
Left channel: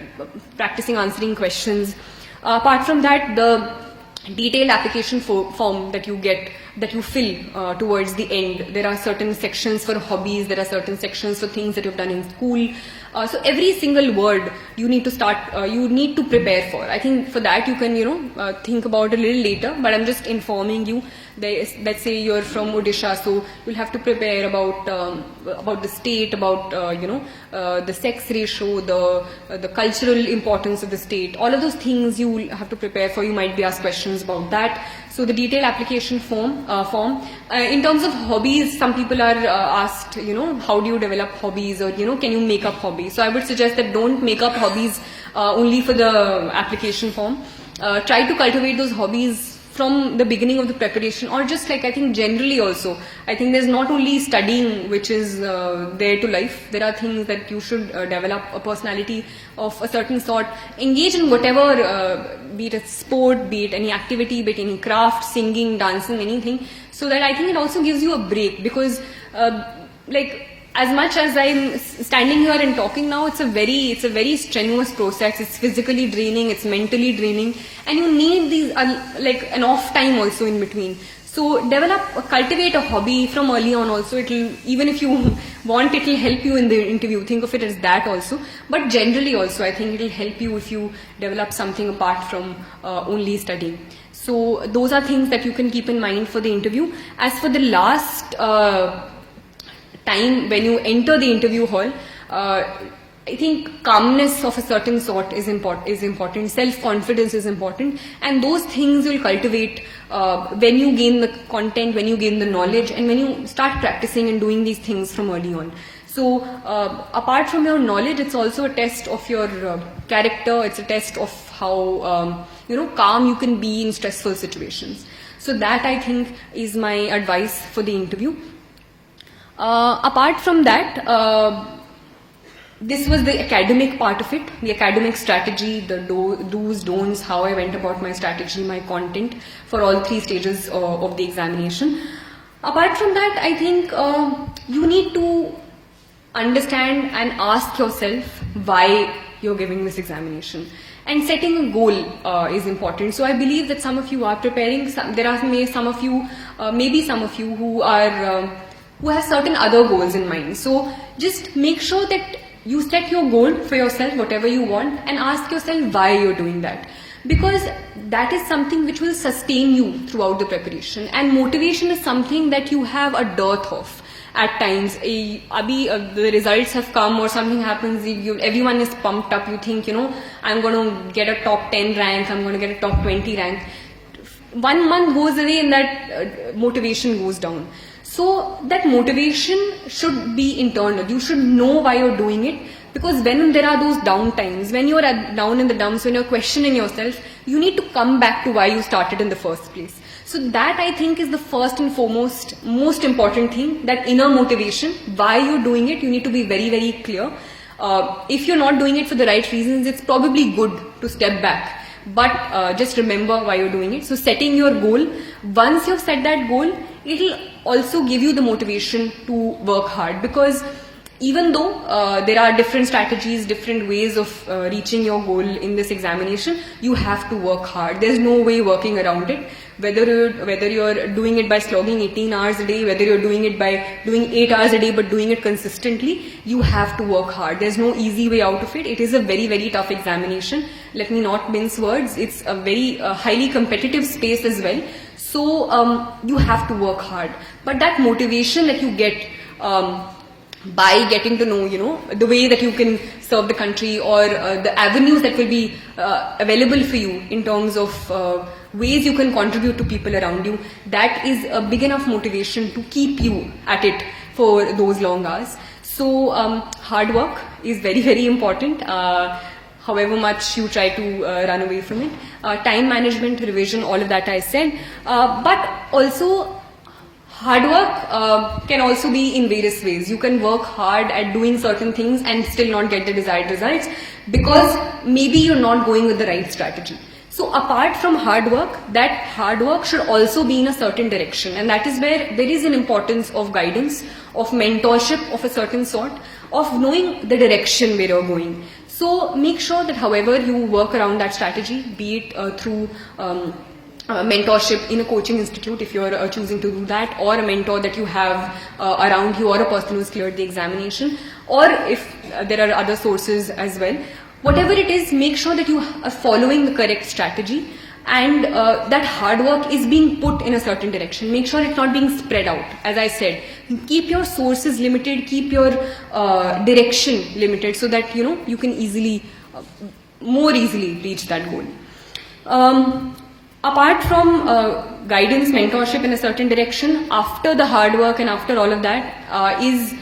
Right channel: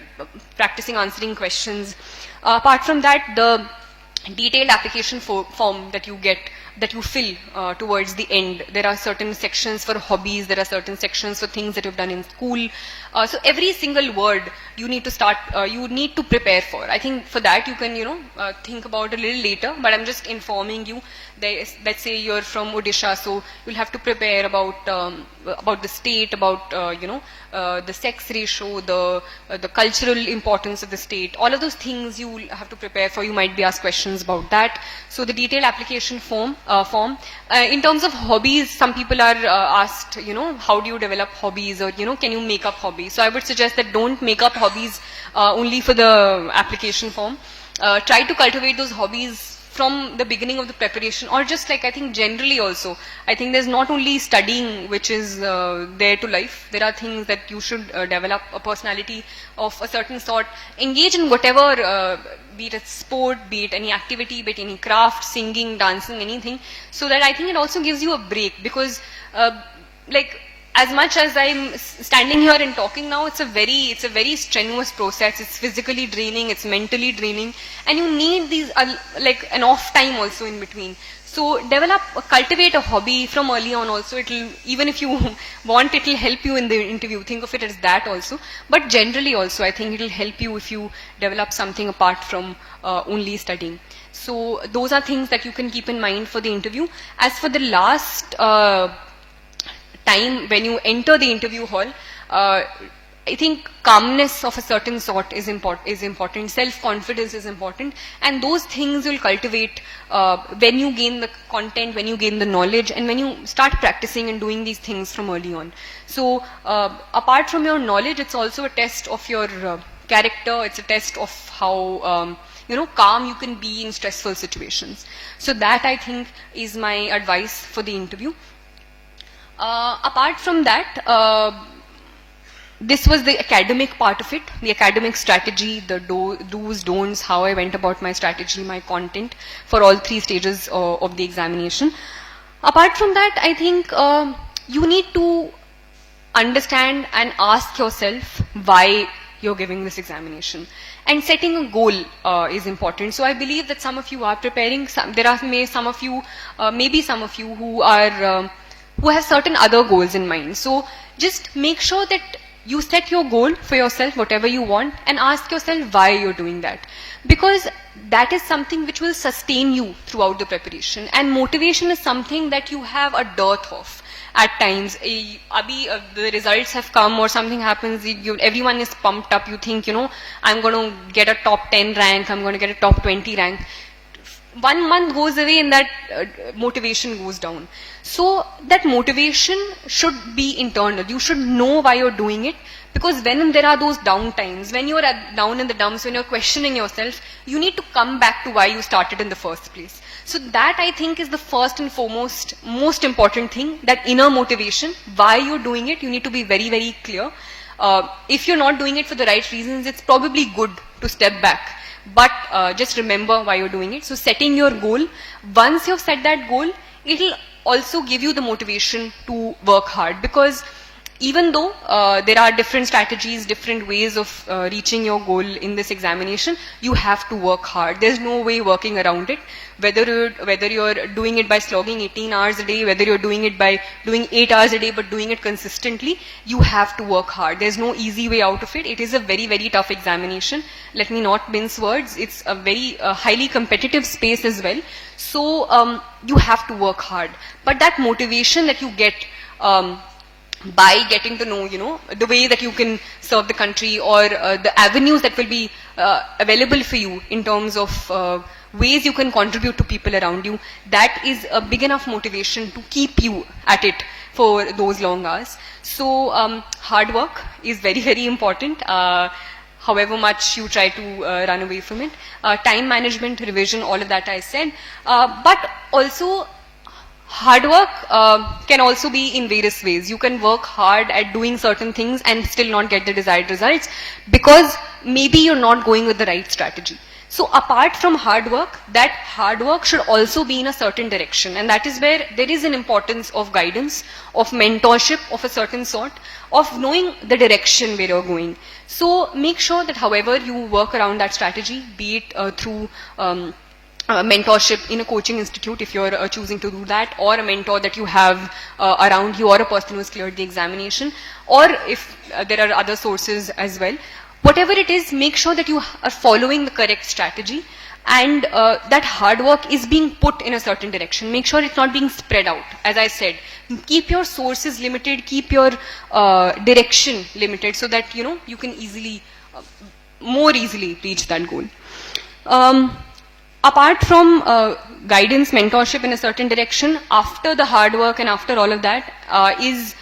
practicing answering questions. Apart from that, the detailed application form that you get, that you fill towards the end. There are certain sections for hobbies, there are certain sections for things that you've done in school. So every single word you need to start, you need to prepare for. I think for that you can, think about a little later, but I'm just informing you. Let's say you're from Odisha, so you'll have to prepare about the state, about, the sex ratio, the cultural importance of the state. All of those things you have to prepare for. You might be asked questions about that. So the detailed application form. In terms of hobbies, some people are asked, how do you develop hobbies, or, can you make up hobbies? So I would suggest that don't make up hobbies only for the application form. Try to cultivate those hobbies from the beginning of the preparation, or just like, I think generally also, I think there's not only studying which is there to life. There are things that you should develop a personality of a certain sort. Engage in whatever, be it a sport, be it any activity, be it any craft, singing, dancing, anything, so that I think it also gives you a break, because as much as I'm standing here and talking now, it's a very strenuous process. It's physically draining, it's mentally draining, and you need these an off time also in between. So cultivate a hobby from early on also. Even if you want, it'll help you in the interview. Think of it as that also. But generally also, I think it'll help you if you develop something apart from only studying. So those are things that you can keep in mind for the interview. As for the last time when you enter the interview hall, I think calmness of a certain sort is important. Self-confidence is important, and those things will cultivate when you gain the content, when you gain the knowledge, and when you start practicing and doing these things from early on. So apart from your knowledge, it's also a test of your character. It's a test of how calm you can be in stressful situations. So that, I think, is my advice for the interview. Apart from that, this was the academic part of it, the academic strategy, the do's, don'ts, how I went about my strategy, my content for all 3 stages of the examination. Apart from that, I think you need to understand and ask yourself why you're giving this examination. And setting a goal is important. So I believe that some of you are preparing. There are maybe some of you who are who have certain other goals in mind. So just make sure that you set your goal for yourself, whatever you want, and ask yourself why you're doing that. Because that is something which will sustain you throughout the preparation. And motivation is something that you have a dearth of at times. The results have come or something happens, everyone is pumped up, you think, I'm going to get a top 10 rank, I'm going to get a top 20 rank. 1 month goes away and that motivation goes down. So that motivation should be internal. You should know why you're doing it, because when there are those down times, when you're down in the dumps, when you're questioning yourself, you need to come back to why you started in the first place. So that, I think, is the first and foremost, most important thing, that inner motivation, why you're doing it. You need to be very, very clear. If you're not doing it for the right reasons, it's probably good to step back. But just remember why you're doing it. So setting your goal, once you've set that goal, it'll also give you the motivation to work hard, because even though there are different strategies, different ways of reaching your goal in this examination, you have to work hard. There's no way working around it. Whether you're doing it by slogging 18 hours a day, whether you're doing it by doing 8 hours a day but doing it consistently, you have to work hard. There's no easy way out of it. It is a very, very tough examination. Let me not mince words. It's a very highly competitive space as well. So you have to work hard. But that motivation that you get by getting to know, the way that you can serve the country, or the avenues that will be available for you in terms of ways you can contribute to people around you, that is a big enough motivation to keep you at it for those long hours. So hard work is very, very important. However much you try to run away from it. Time management, revision, all of that I said. But also, hard work can also be in various ways. You can work hard at doing certain things and still not get the desired results, because maybe you're not going with the right strategy. So apart from hard work, that hard work should also be in a certain direction. And that is where there is an importance of guidance, of mentorship of a certain sort, of knowing the direction where you're going. So make sure that however you work around that strategy, be it through mentorship in a coaching institute, if you're choosing to do that, or a mentor that you have around you, or a person who's cleared the examination, or if there are other sources as well. Whatever it is, make sure that you are following the correct strategy, and that hard work is being put in a certain direction. Make sure it's not being spread out. As I said, keep your sources limited, keep your direction limited, so that you can more easily reach that goal. Apart from guidance, mentorship in a certain direction, after the hard work and after all of that is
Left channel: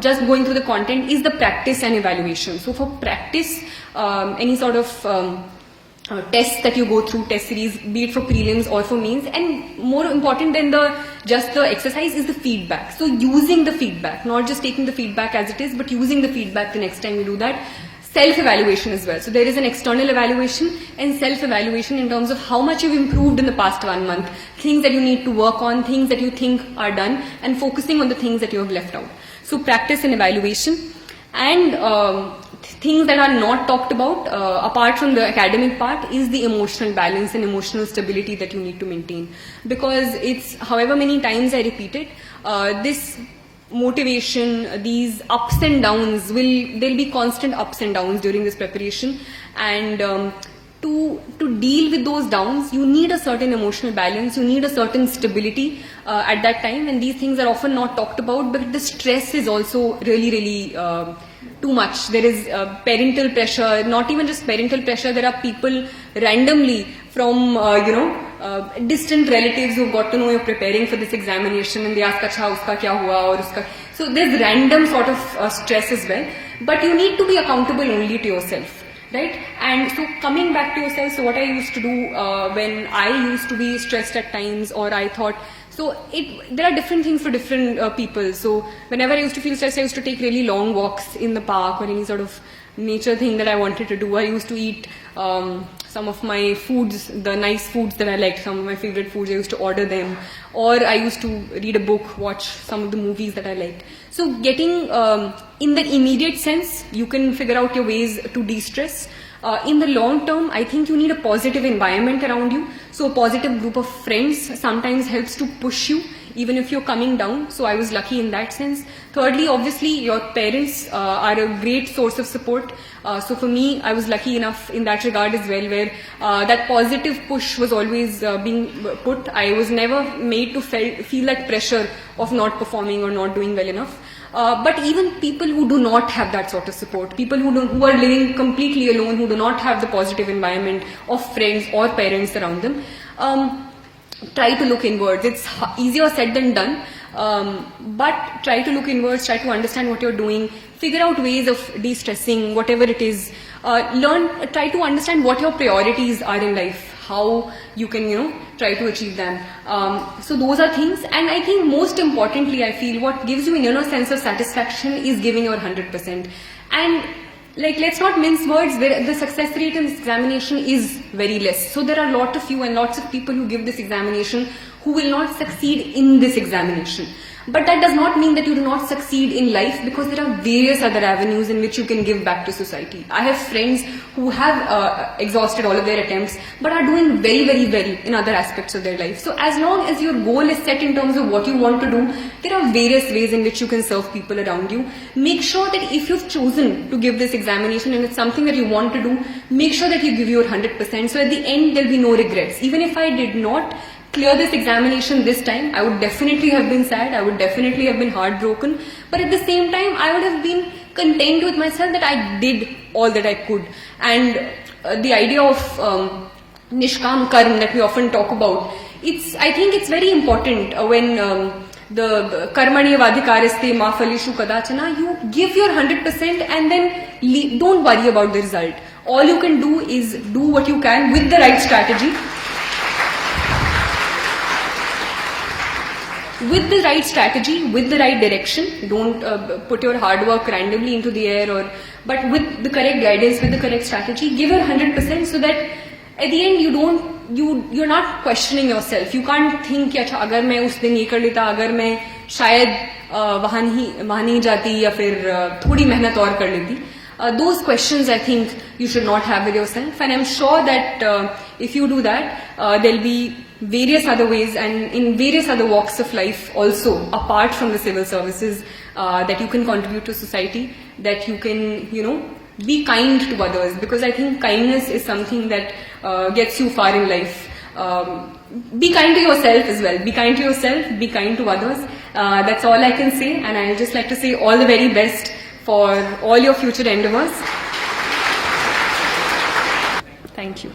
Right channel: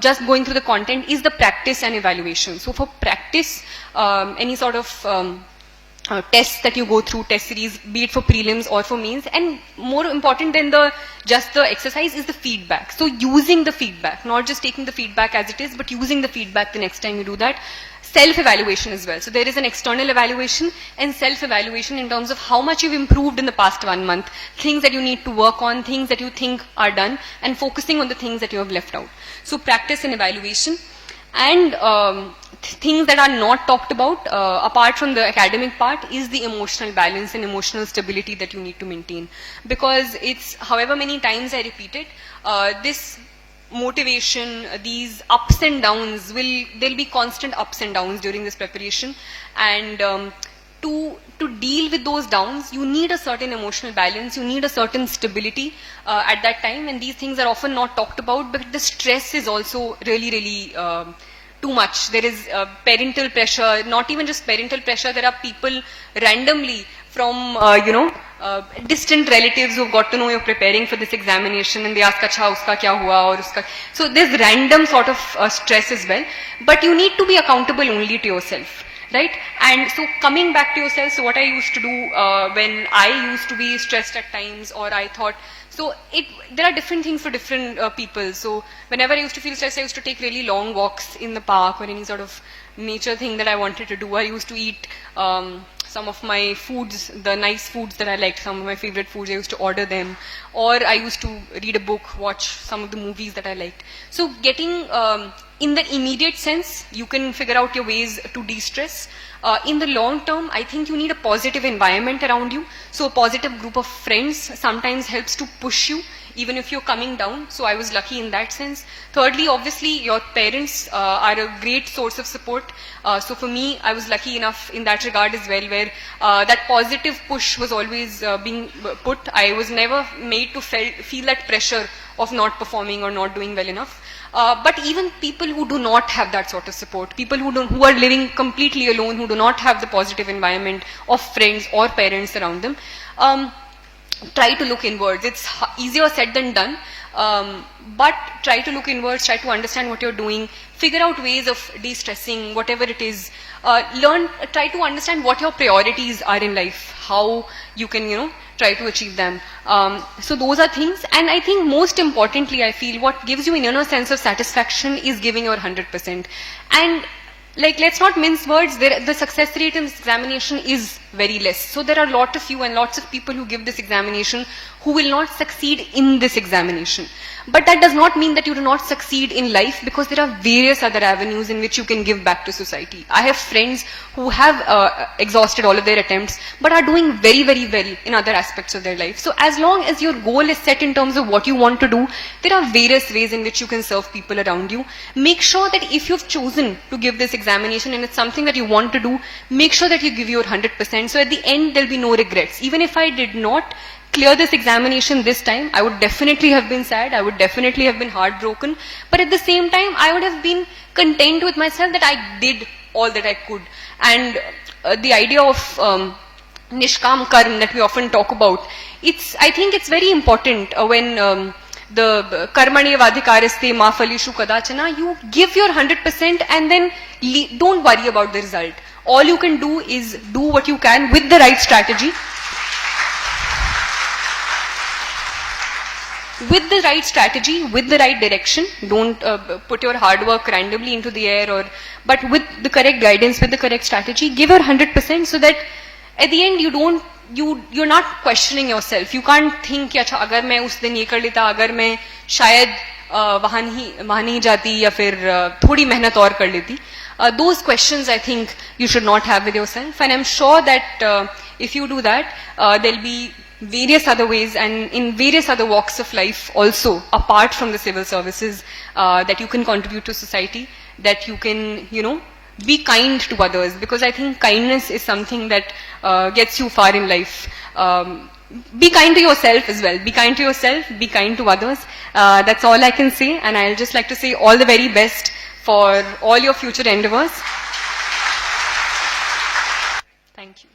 just going through the content, is the practice and evaluation. So for practice, any sort of tests that you go through, test series, be it for prelims or for mains, and more important than just the exercise is the feedback. So using the feedback, not just taking the feedback as it is, but using the feedback the next time you do that. Self-evaluation as well. So there is an external evaluation and self-evaluation in terms of how much you've improved in the past 1 month, things that you need to work on, things that you think are done, and focusing on the things that you have left out. So practice and evaluation. And things that are not talked about, apart from the academic part, is the emotional balance and emotional stability that you need to maintain. Because it's, however many times I repeat it, this motivation, these ups and downs, there'll be constant ups and downs during this preparation, and to deal with those downs, you need a certain emotional balance, you need a certain stability at that time, and these things are often not talked about, but the stress is also really, really too much. There is parental pressure, not even just parental pressure, there are people randomly from, distant relatives who've got to know you're preparing for this examination and they ask, acha, uska kya hua, or uska. So there's random sort of stress as well. But you need to be accountable only to yourself. Right? And so coming back to yourself, so what I used to do when I used to be stressed at times, or I thought, so there are different things for different people. So whenever I used to feel stressed, I used to take really long walks in the park or any sort of nature thing that I wanted to do. I used to eat some of my foods, the nice foods that I liked, some of my favorite foods, I used to order them. Or I used to read a book, watch some of the movies that I liked. So getting, in the immediate sense, you can figure out your ways to de-stress. In the long term, I think you need a positive environment around you. So a positive group of friends sometimes helps to push you, even if you're coming down. So I was lucky in that sense. Thirdly, obviously, your parents are a great source of support. So for me, I was lucky enough in that regard as well, where that positive push was always being put. I was never made to feel that pressure of not performing or not doing well enough. But even people who do not have that sort of support, people who are living completely alone, who do not have the positive environment of friends or parents around them, try to look inwards. It's easier said than done, but try to look inwards, try to understand what you're doing, figure out ways of de-stressing, whatever it is. Try to understand what your priorities are in life, how you can, try to achieve them. So those are things, and I think most importantly, I feel what gives you an inner sense of satisfaction is giving your 100%. And let's not mince words, the success rate in this examination is very less. So there are a lot of you and lots of people who give this examination who will not succeed in this examination. But that does not mean that you do not succeed in life, because there are various other avenues in which you can give back to society. I have friends who have exhausted all of their attempts, but are doing very, very well in other aspects of their life. So as long as your goal is set in terms of what you want to do, there are various ways in which you can serve people around you. Make sure that if you've chosen to give this examination and it's something that you want to do, make sure that you give your 100%. So at the end, there'll be no regrets. Even if I did not clear this examination this time, I would definitely have been sad, I would definitely have been heartbroken, but at the same time, I would have been content with myself that I did all that I could. And the idea of Nishkam Karm that we often talk about, I think it's very important when the Karmani Vadhikaraste Ma Phalishu Kadachana, you give your 100% and then don't worry about the result. All you can do is do what you can with the right strategy. With the right strategy, with the right direction. Don't put your hard work randomly into the air, but with the correct guidance, with the correct strategy, give your 100% so that at the end you're not questioning yourself. You can't think, अच्छा अगर मैं उस दिन ये कर लेता, अगर मैं शायद वहाँ नहीं जाती या फिर थोड़ी मेहनत और कर लेती. Those questions I think you should not have with yourself, and I'm sure that if you do that, there'll be various other ways and in various other walks of life also, apart from the civil services, that you can contribute to society, that you can, be kind to others, because I think kindness is something that gets you far in life. Be kind to yourself as well. Be kind to yourself, be kind to others. That's all I can say, and I'll just like to say all the very best for all your future endeavors. Thank you.